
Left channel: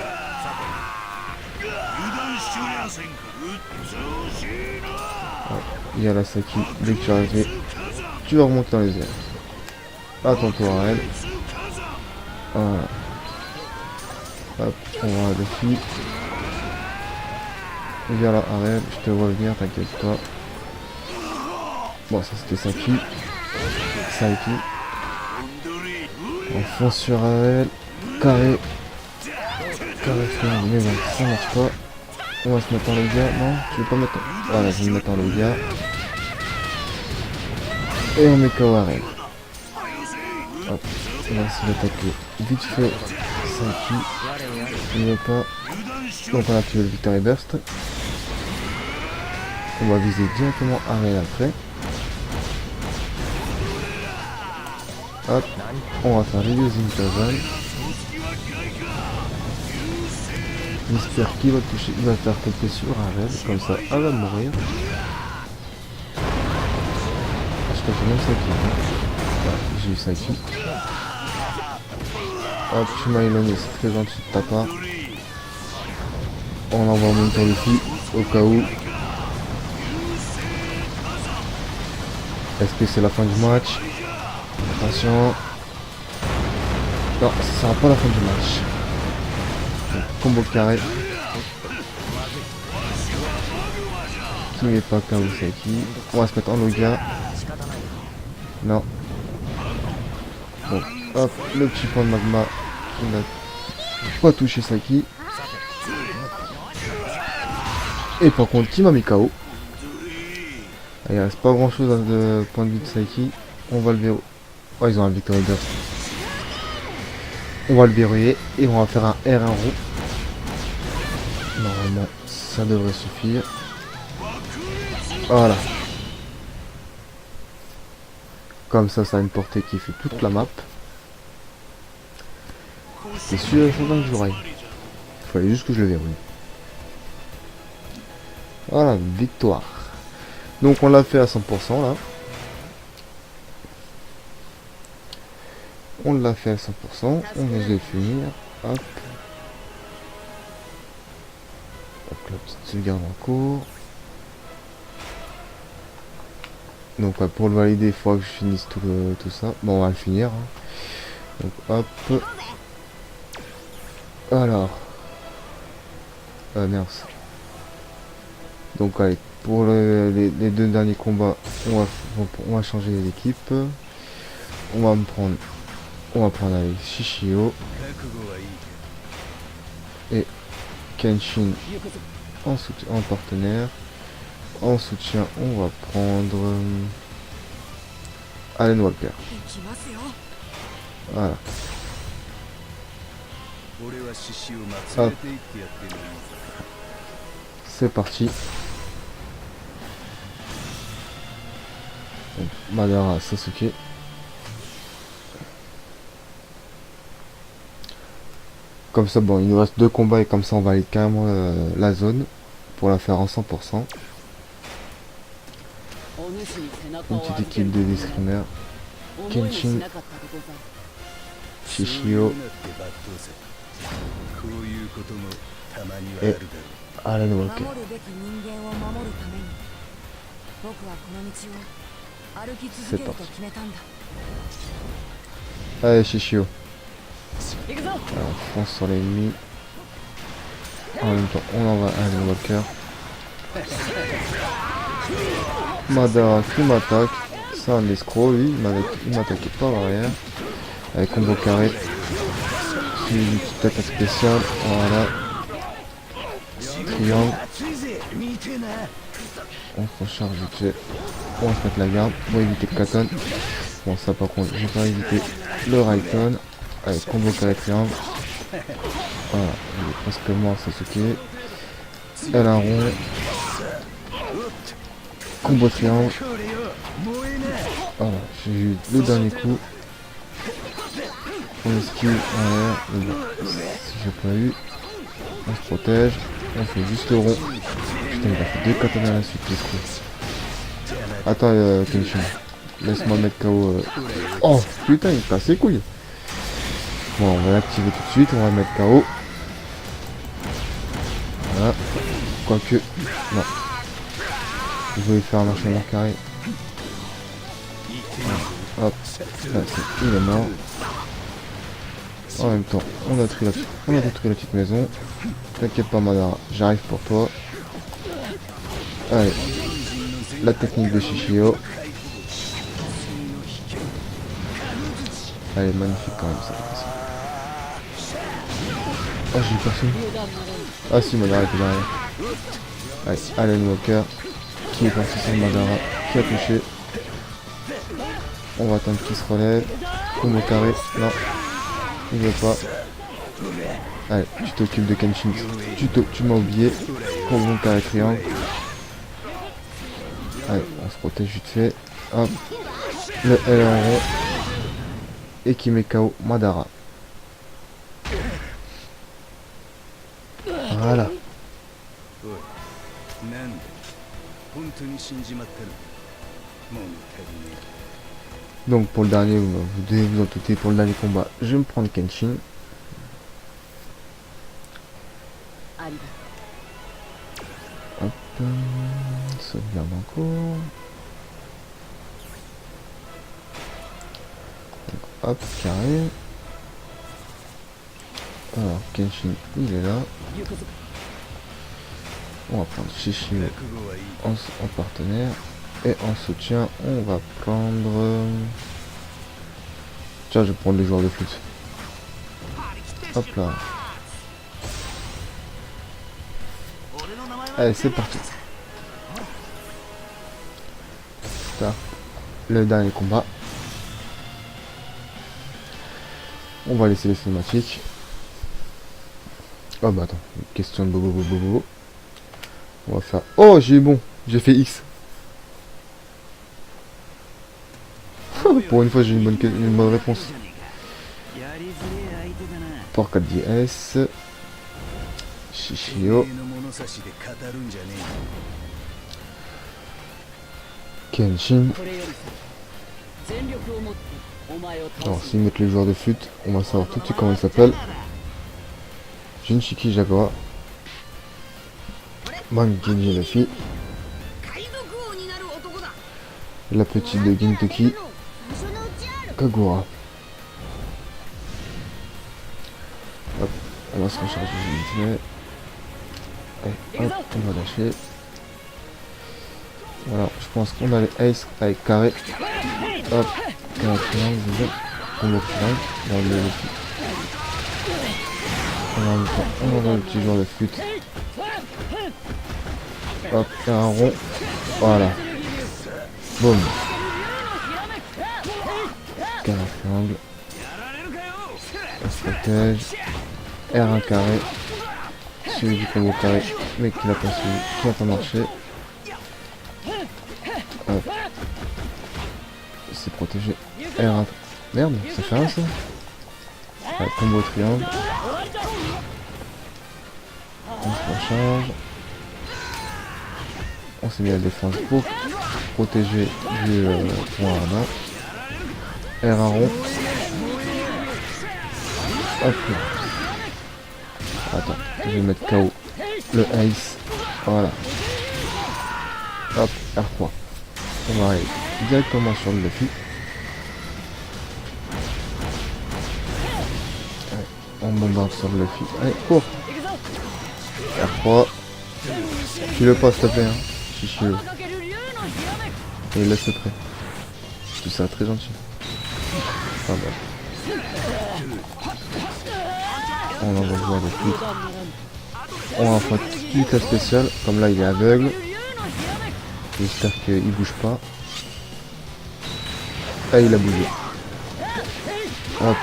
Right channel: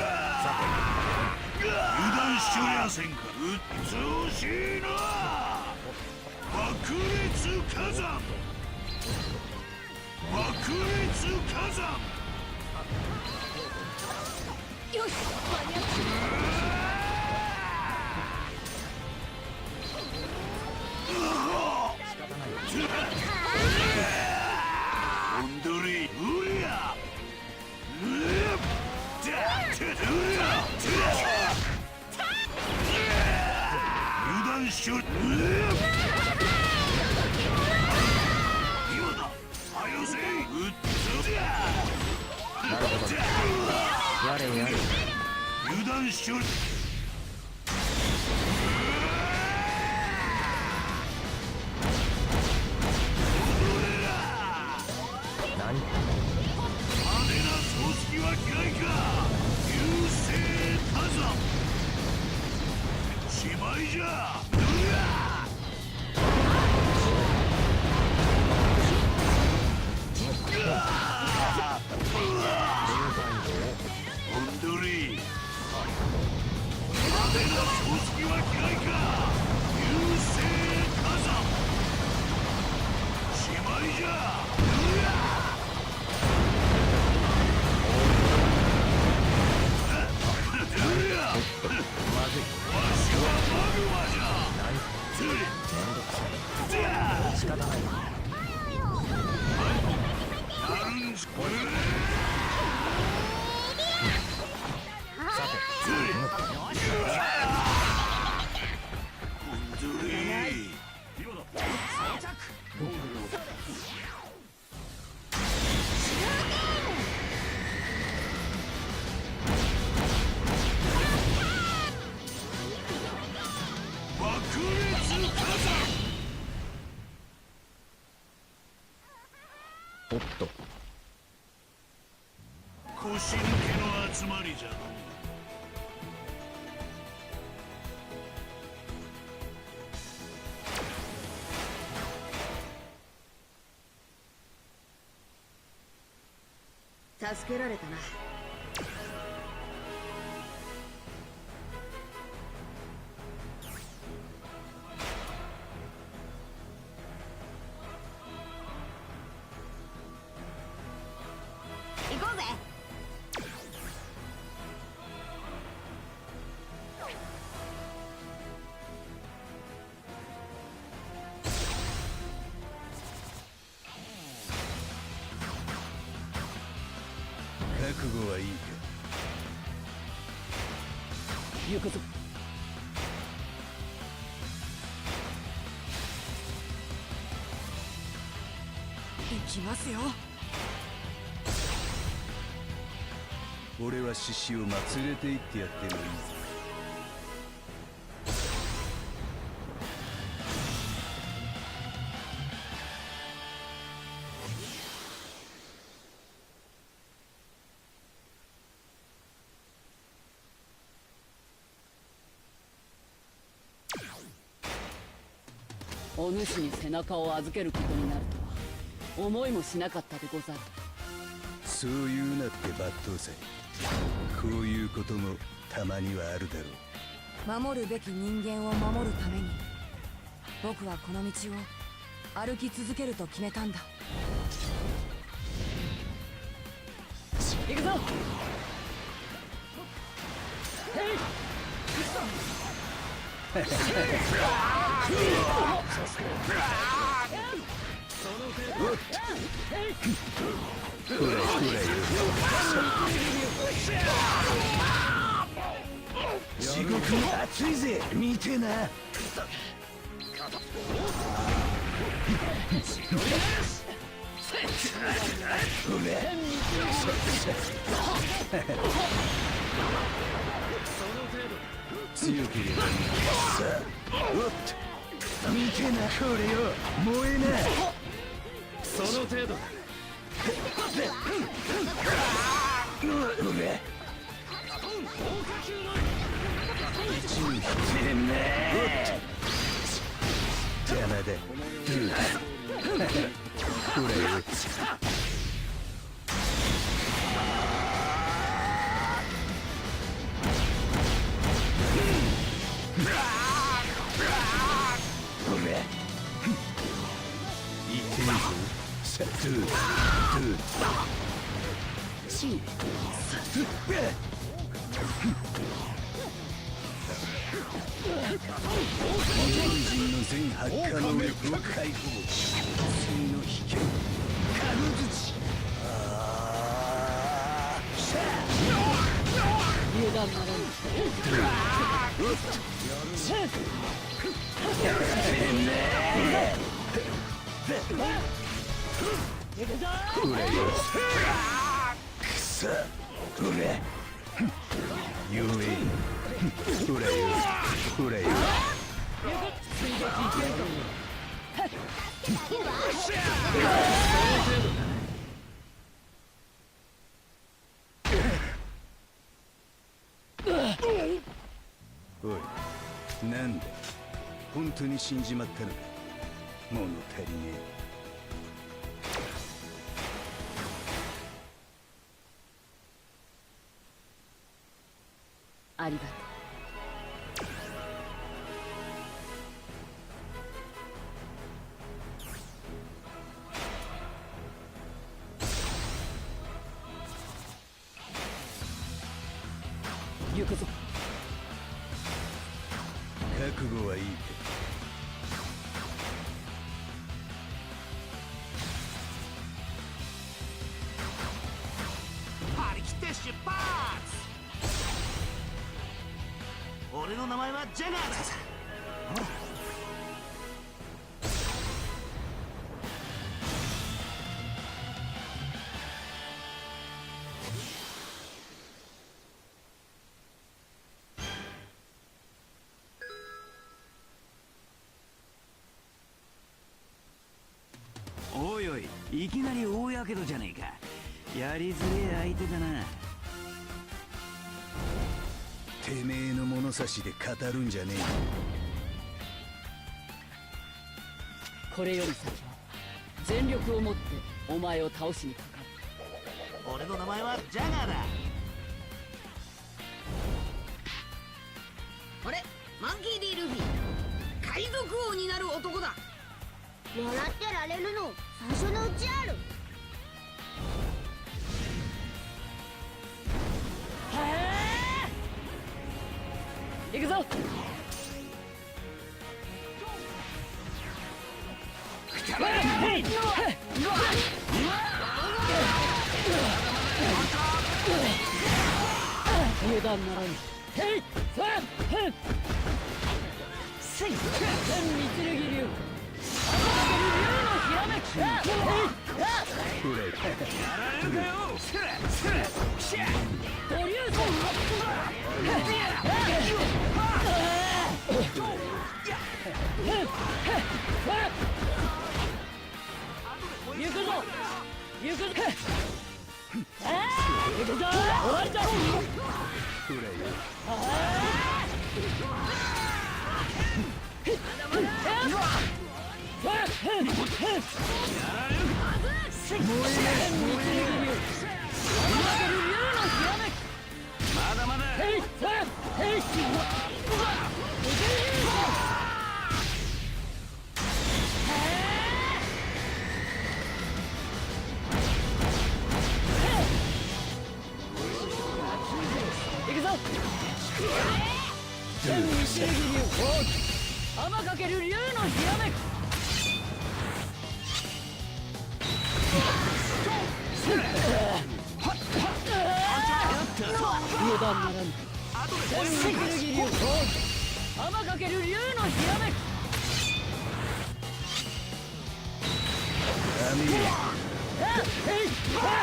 Il y a la Saki, dès que tu arrives, tu vas remonter dans les airs. Attends-toi à elle. Voilà. Hop, on va dessus. Viens là, arrête, je te vois venir, t'inquiète pas. Bon, ça c'était Saki. Saki. On fonce sur elle. Carré. On va se mettre en dégâts. Non, je vais pas mettre. Voilà, je vais me mettre en dégâts. Et on met KO arrête. Hop, on va se mettre vite fait. Saki. On ne pas. On va faire le Victory Burst. On va viser directement arrière après. Hop, on va faire les Inkazen. J'espère qu'il va toucher, il va faire péter sur un reste, comme ça elle va mourir. Je peux même ça. J'ai eu ça ici. Hop, Shimailon c'est très gentil de ta part. On envoie mon cas ici, au cas où. Est-ce que c'est la fin du match? Attention. Non, ce sera pas la fin du match. Combo carré. Qui n'est pas comme Saki. On va se mettre en dégâts. Non. Donc, hop, le petit point de magma. On va pas toucher Saki. Et par contre, Team a mis KO. Il reste pas grand chose dans le point de vue de Saki. On va le verrouiller. Oh, ils ont un Victory Burst. On va le verrouiller et on va faire un R1 roux. Normalement, ça devrait suffire. Voilà. Comme ça, ça a une portée qui fait toute la map. Et celui-là, je vous jouerai. Il fallait juste que je le verrouille. Voilà, victoire. Donc on l'a fait à 100% là. On l'a fait à 100%. On va le finir. Hop. Hop, la petite sauvegarde en cours. Donc pour le valider, il faudra que je finisse tout ça. Bon, on va le finir. Hein. Donc hop. Alors. Merde. Donc allez, pour les deux derniers combats, on va changer d'équipe. On va prendre avec Shishio et Kenshin en partenaire. En soutien, on va prendre Allen Walker. Voilà. C'est parti. Donc, Madara Sasuke. Comme ça, bon, il nous reste 2 combats et comme ça on valide carrément la zone pour la faire en 100%. Une petite équipe de l'escrimaire. Kenshin, Shishio et Allen Walker. Allez, Shishio. On sur l'ennemi. En même temps, on envoie un Walker. Madara qui m'attaque. C'est un escroc, lui. Il m'attaque pas rien. Avec un gros carré. Une petite attaque spéciale. Voilà. On se recharge vite fait. On fait la garde. On va éviter le Katon. Bon, ça par contre, on va éviter le Raikon. Allez, combo sur la triangle. Voilà, presque mort, c'est ce qui est. Elle a un rond. Combo triangle. Voilà, j'ai eu le dernier coup. On esquive, voilà. Si j'ai pas eu, on se protège. On fait juste le rond. On va faire 2 Katana à la suite. Attends, Kenshin. Laisse-moi mettre KO. Oh putain, il est assez couilles. Bon, on va l'activer tout de suite, on va le mettre KO. Voilà. Quoique. Non. Je vais faire un enchaînement carré. Hop. Il est mort. En même temps, on a détruit la petite maison. T'inquiète pas, Madara, j'arrive pour toi. Allez. La technique de Shishio. Allez, magnifique quand même ça. Ah, j'ai pas fini. Ah si, Madara était derrière. Allez, Allen Walker. Qui est parti sur Madara. Qui a touché. On va attendre qu'il se relève. Tout le carré. Non. Il veut pas. Allez, tu t'occupes de Kenshin. Tu m'as oublié. Pour mon carré triangle. Allez, on se protège vite fait. Hop. Le LRE. Et qui met KO Madara. Voilà. Donc pour le dernier, vous devez vous en douter, pour le dernier combat, je vais me prendre Kenshin. Hop, sauvegarde encore. Hop, carré. Alors, Kenshin, il est là. On va prendre Shishio en partenaire. Et en soutien, on va prendre... Tiens, je vais prendre les joueurs de foot. Hop là. Allez, c'est parti. Ça, le dernier combat. On va laisser les cinématiques. Oh bah attends, question de bobo. On va faire... Oh, j'ai eu bon, j'ai fait X. Pour une fois, j'ai une bonne réponse. Pour 4DS. Shishio. Kenshin. Alors, s'ils mettent les joueurs de foot, on va savoir tout de suite comment il s'appelle. Jinchiki Jaguar. Manjini la fille. La petite de Gintoki. Kagura. Hop. Alors, ça charge le budget. Et hop, on va lâcher. Voilà, je pense qu'on a les aces avec carré. Hop, et on a toujours le flûte. Hop, et un rond. Voilà. Boum. R1 carré. Suivi du premier carré. Mais qui va continuer. Qui va pas marcher. C'est protégé. R1. Merde, c'est ça ça. Ouais, combo triangle. On s'est mis à défense pour protéger du R1. R1 rond. Hop. Attends, je vais mettre KO le ice. Voilà. Hop, R3. On va aller directement sur le Luffy. On monte sur le Luffy. Allez, cours. R3. Tu le passes, s'il te plaît. Si je veux. Et laisse le trait. Je trouve ça très gentil. On va voir le Luffy. On va faire une tête spéciale. Comme là, il est aveugle. J'espère qu'il bouge pas. Ah, il a bougé. Hop.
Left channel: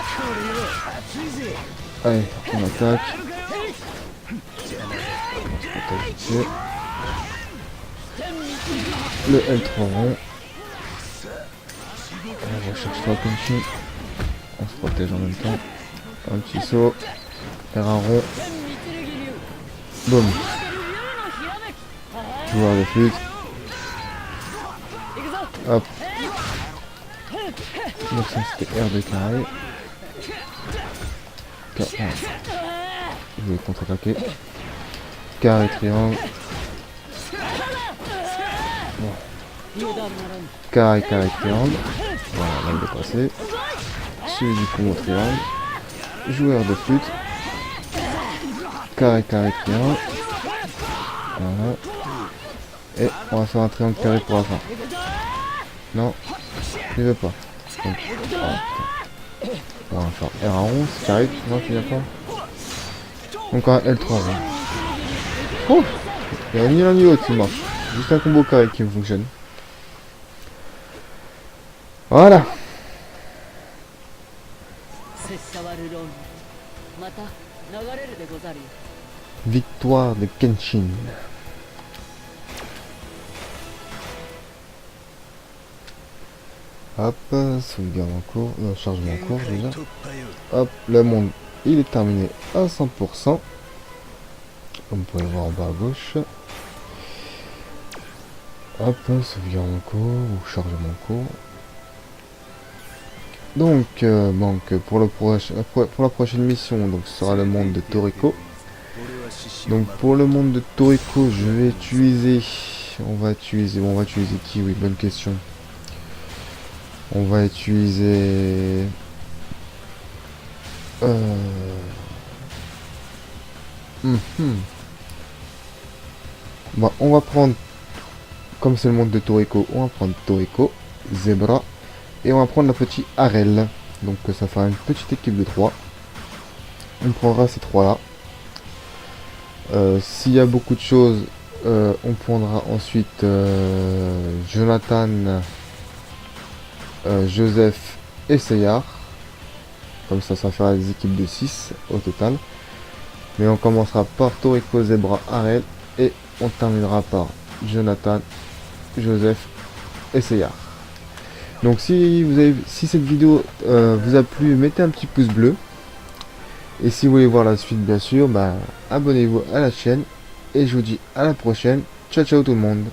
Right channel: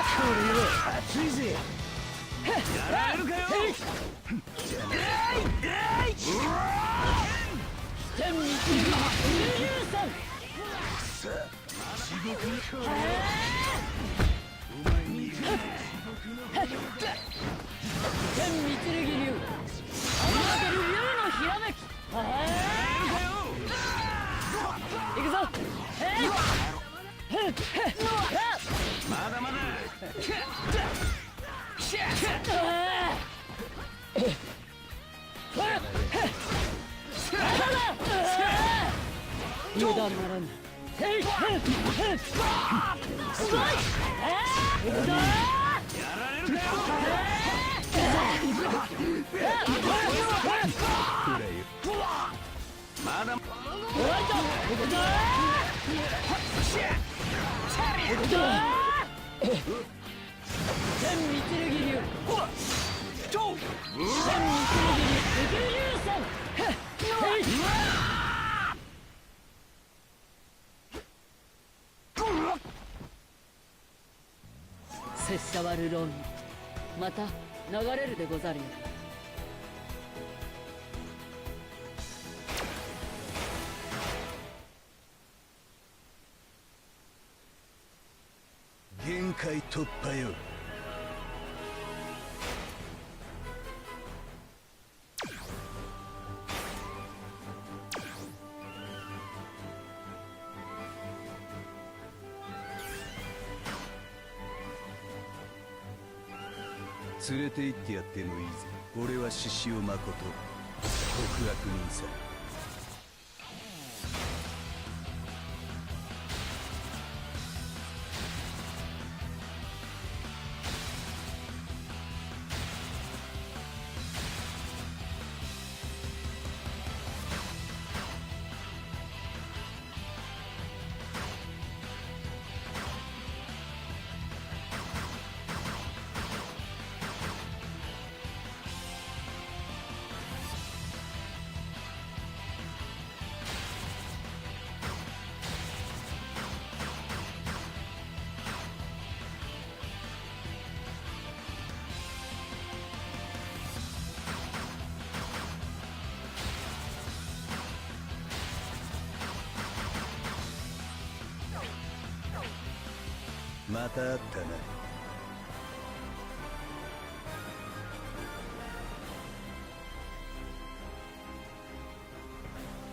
Allez, on attaque. Le L3 rond. On va chercher la continue. On se protège en même temps. Un petit saut. Faire un rond. Boum. Voir le flûte. Hop. Je vais contre-attaquer. Carré triangle. Carré triangle. Voilà, on va le dépasser. Suivi du triangle triangle. Joueur de flûte. Carré triangle. Voilà. Et on va faire un triangle carré pour la fin. Non, je veux pas. On va faire R11, carré, tu vois, finalement. Encore un L3. Oh, il y a ni l'un ni l'autre qui marche. Juste un combo carré qui me fonctionne. Voilà. Victoire de Kenshin. Hop, sauvegarde en cours, chargement en cours déjà. Hop, le monde il est terminé à 100%. Comme vous pouvez voir en bas à gauche. Hop, sauvegarde en cours ou chargement en cours. Donc, pour la prochaine mission, donc ce sera le monde de Toriko. Donc pour le monde de Toriko, je vais utiliser. On va utiliser qui? Oui, bonne question. On va utiliser Bon, on va prendre, comme c'est le monde de Toriko, on va prendre Toriko, Zebra, et on va prendre la petite Arel. Donc ça fera une petite équipe de 3. On prendra ces 3 là. S'il y a beaucoup de choses, on prendra ensuite Jonathan, Joseph et Seyar. Comme ça fera des équipes de 6 au total. Mais on commencera par Toriko, Zebra, Arel. Et on terminera par Jonathan, Joseph et Seyar. Donc si cette vidéo vous a plu, mettez un petit pouce bleu. Et si vous voulez voir la suite, bien sûr, abonnez-vous à la chaîne. Et je vous dis à la prochaine. Ciao ciao tout le monde.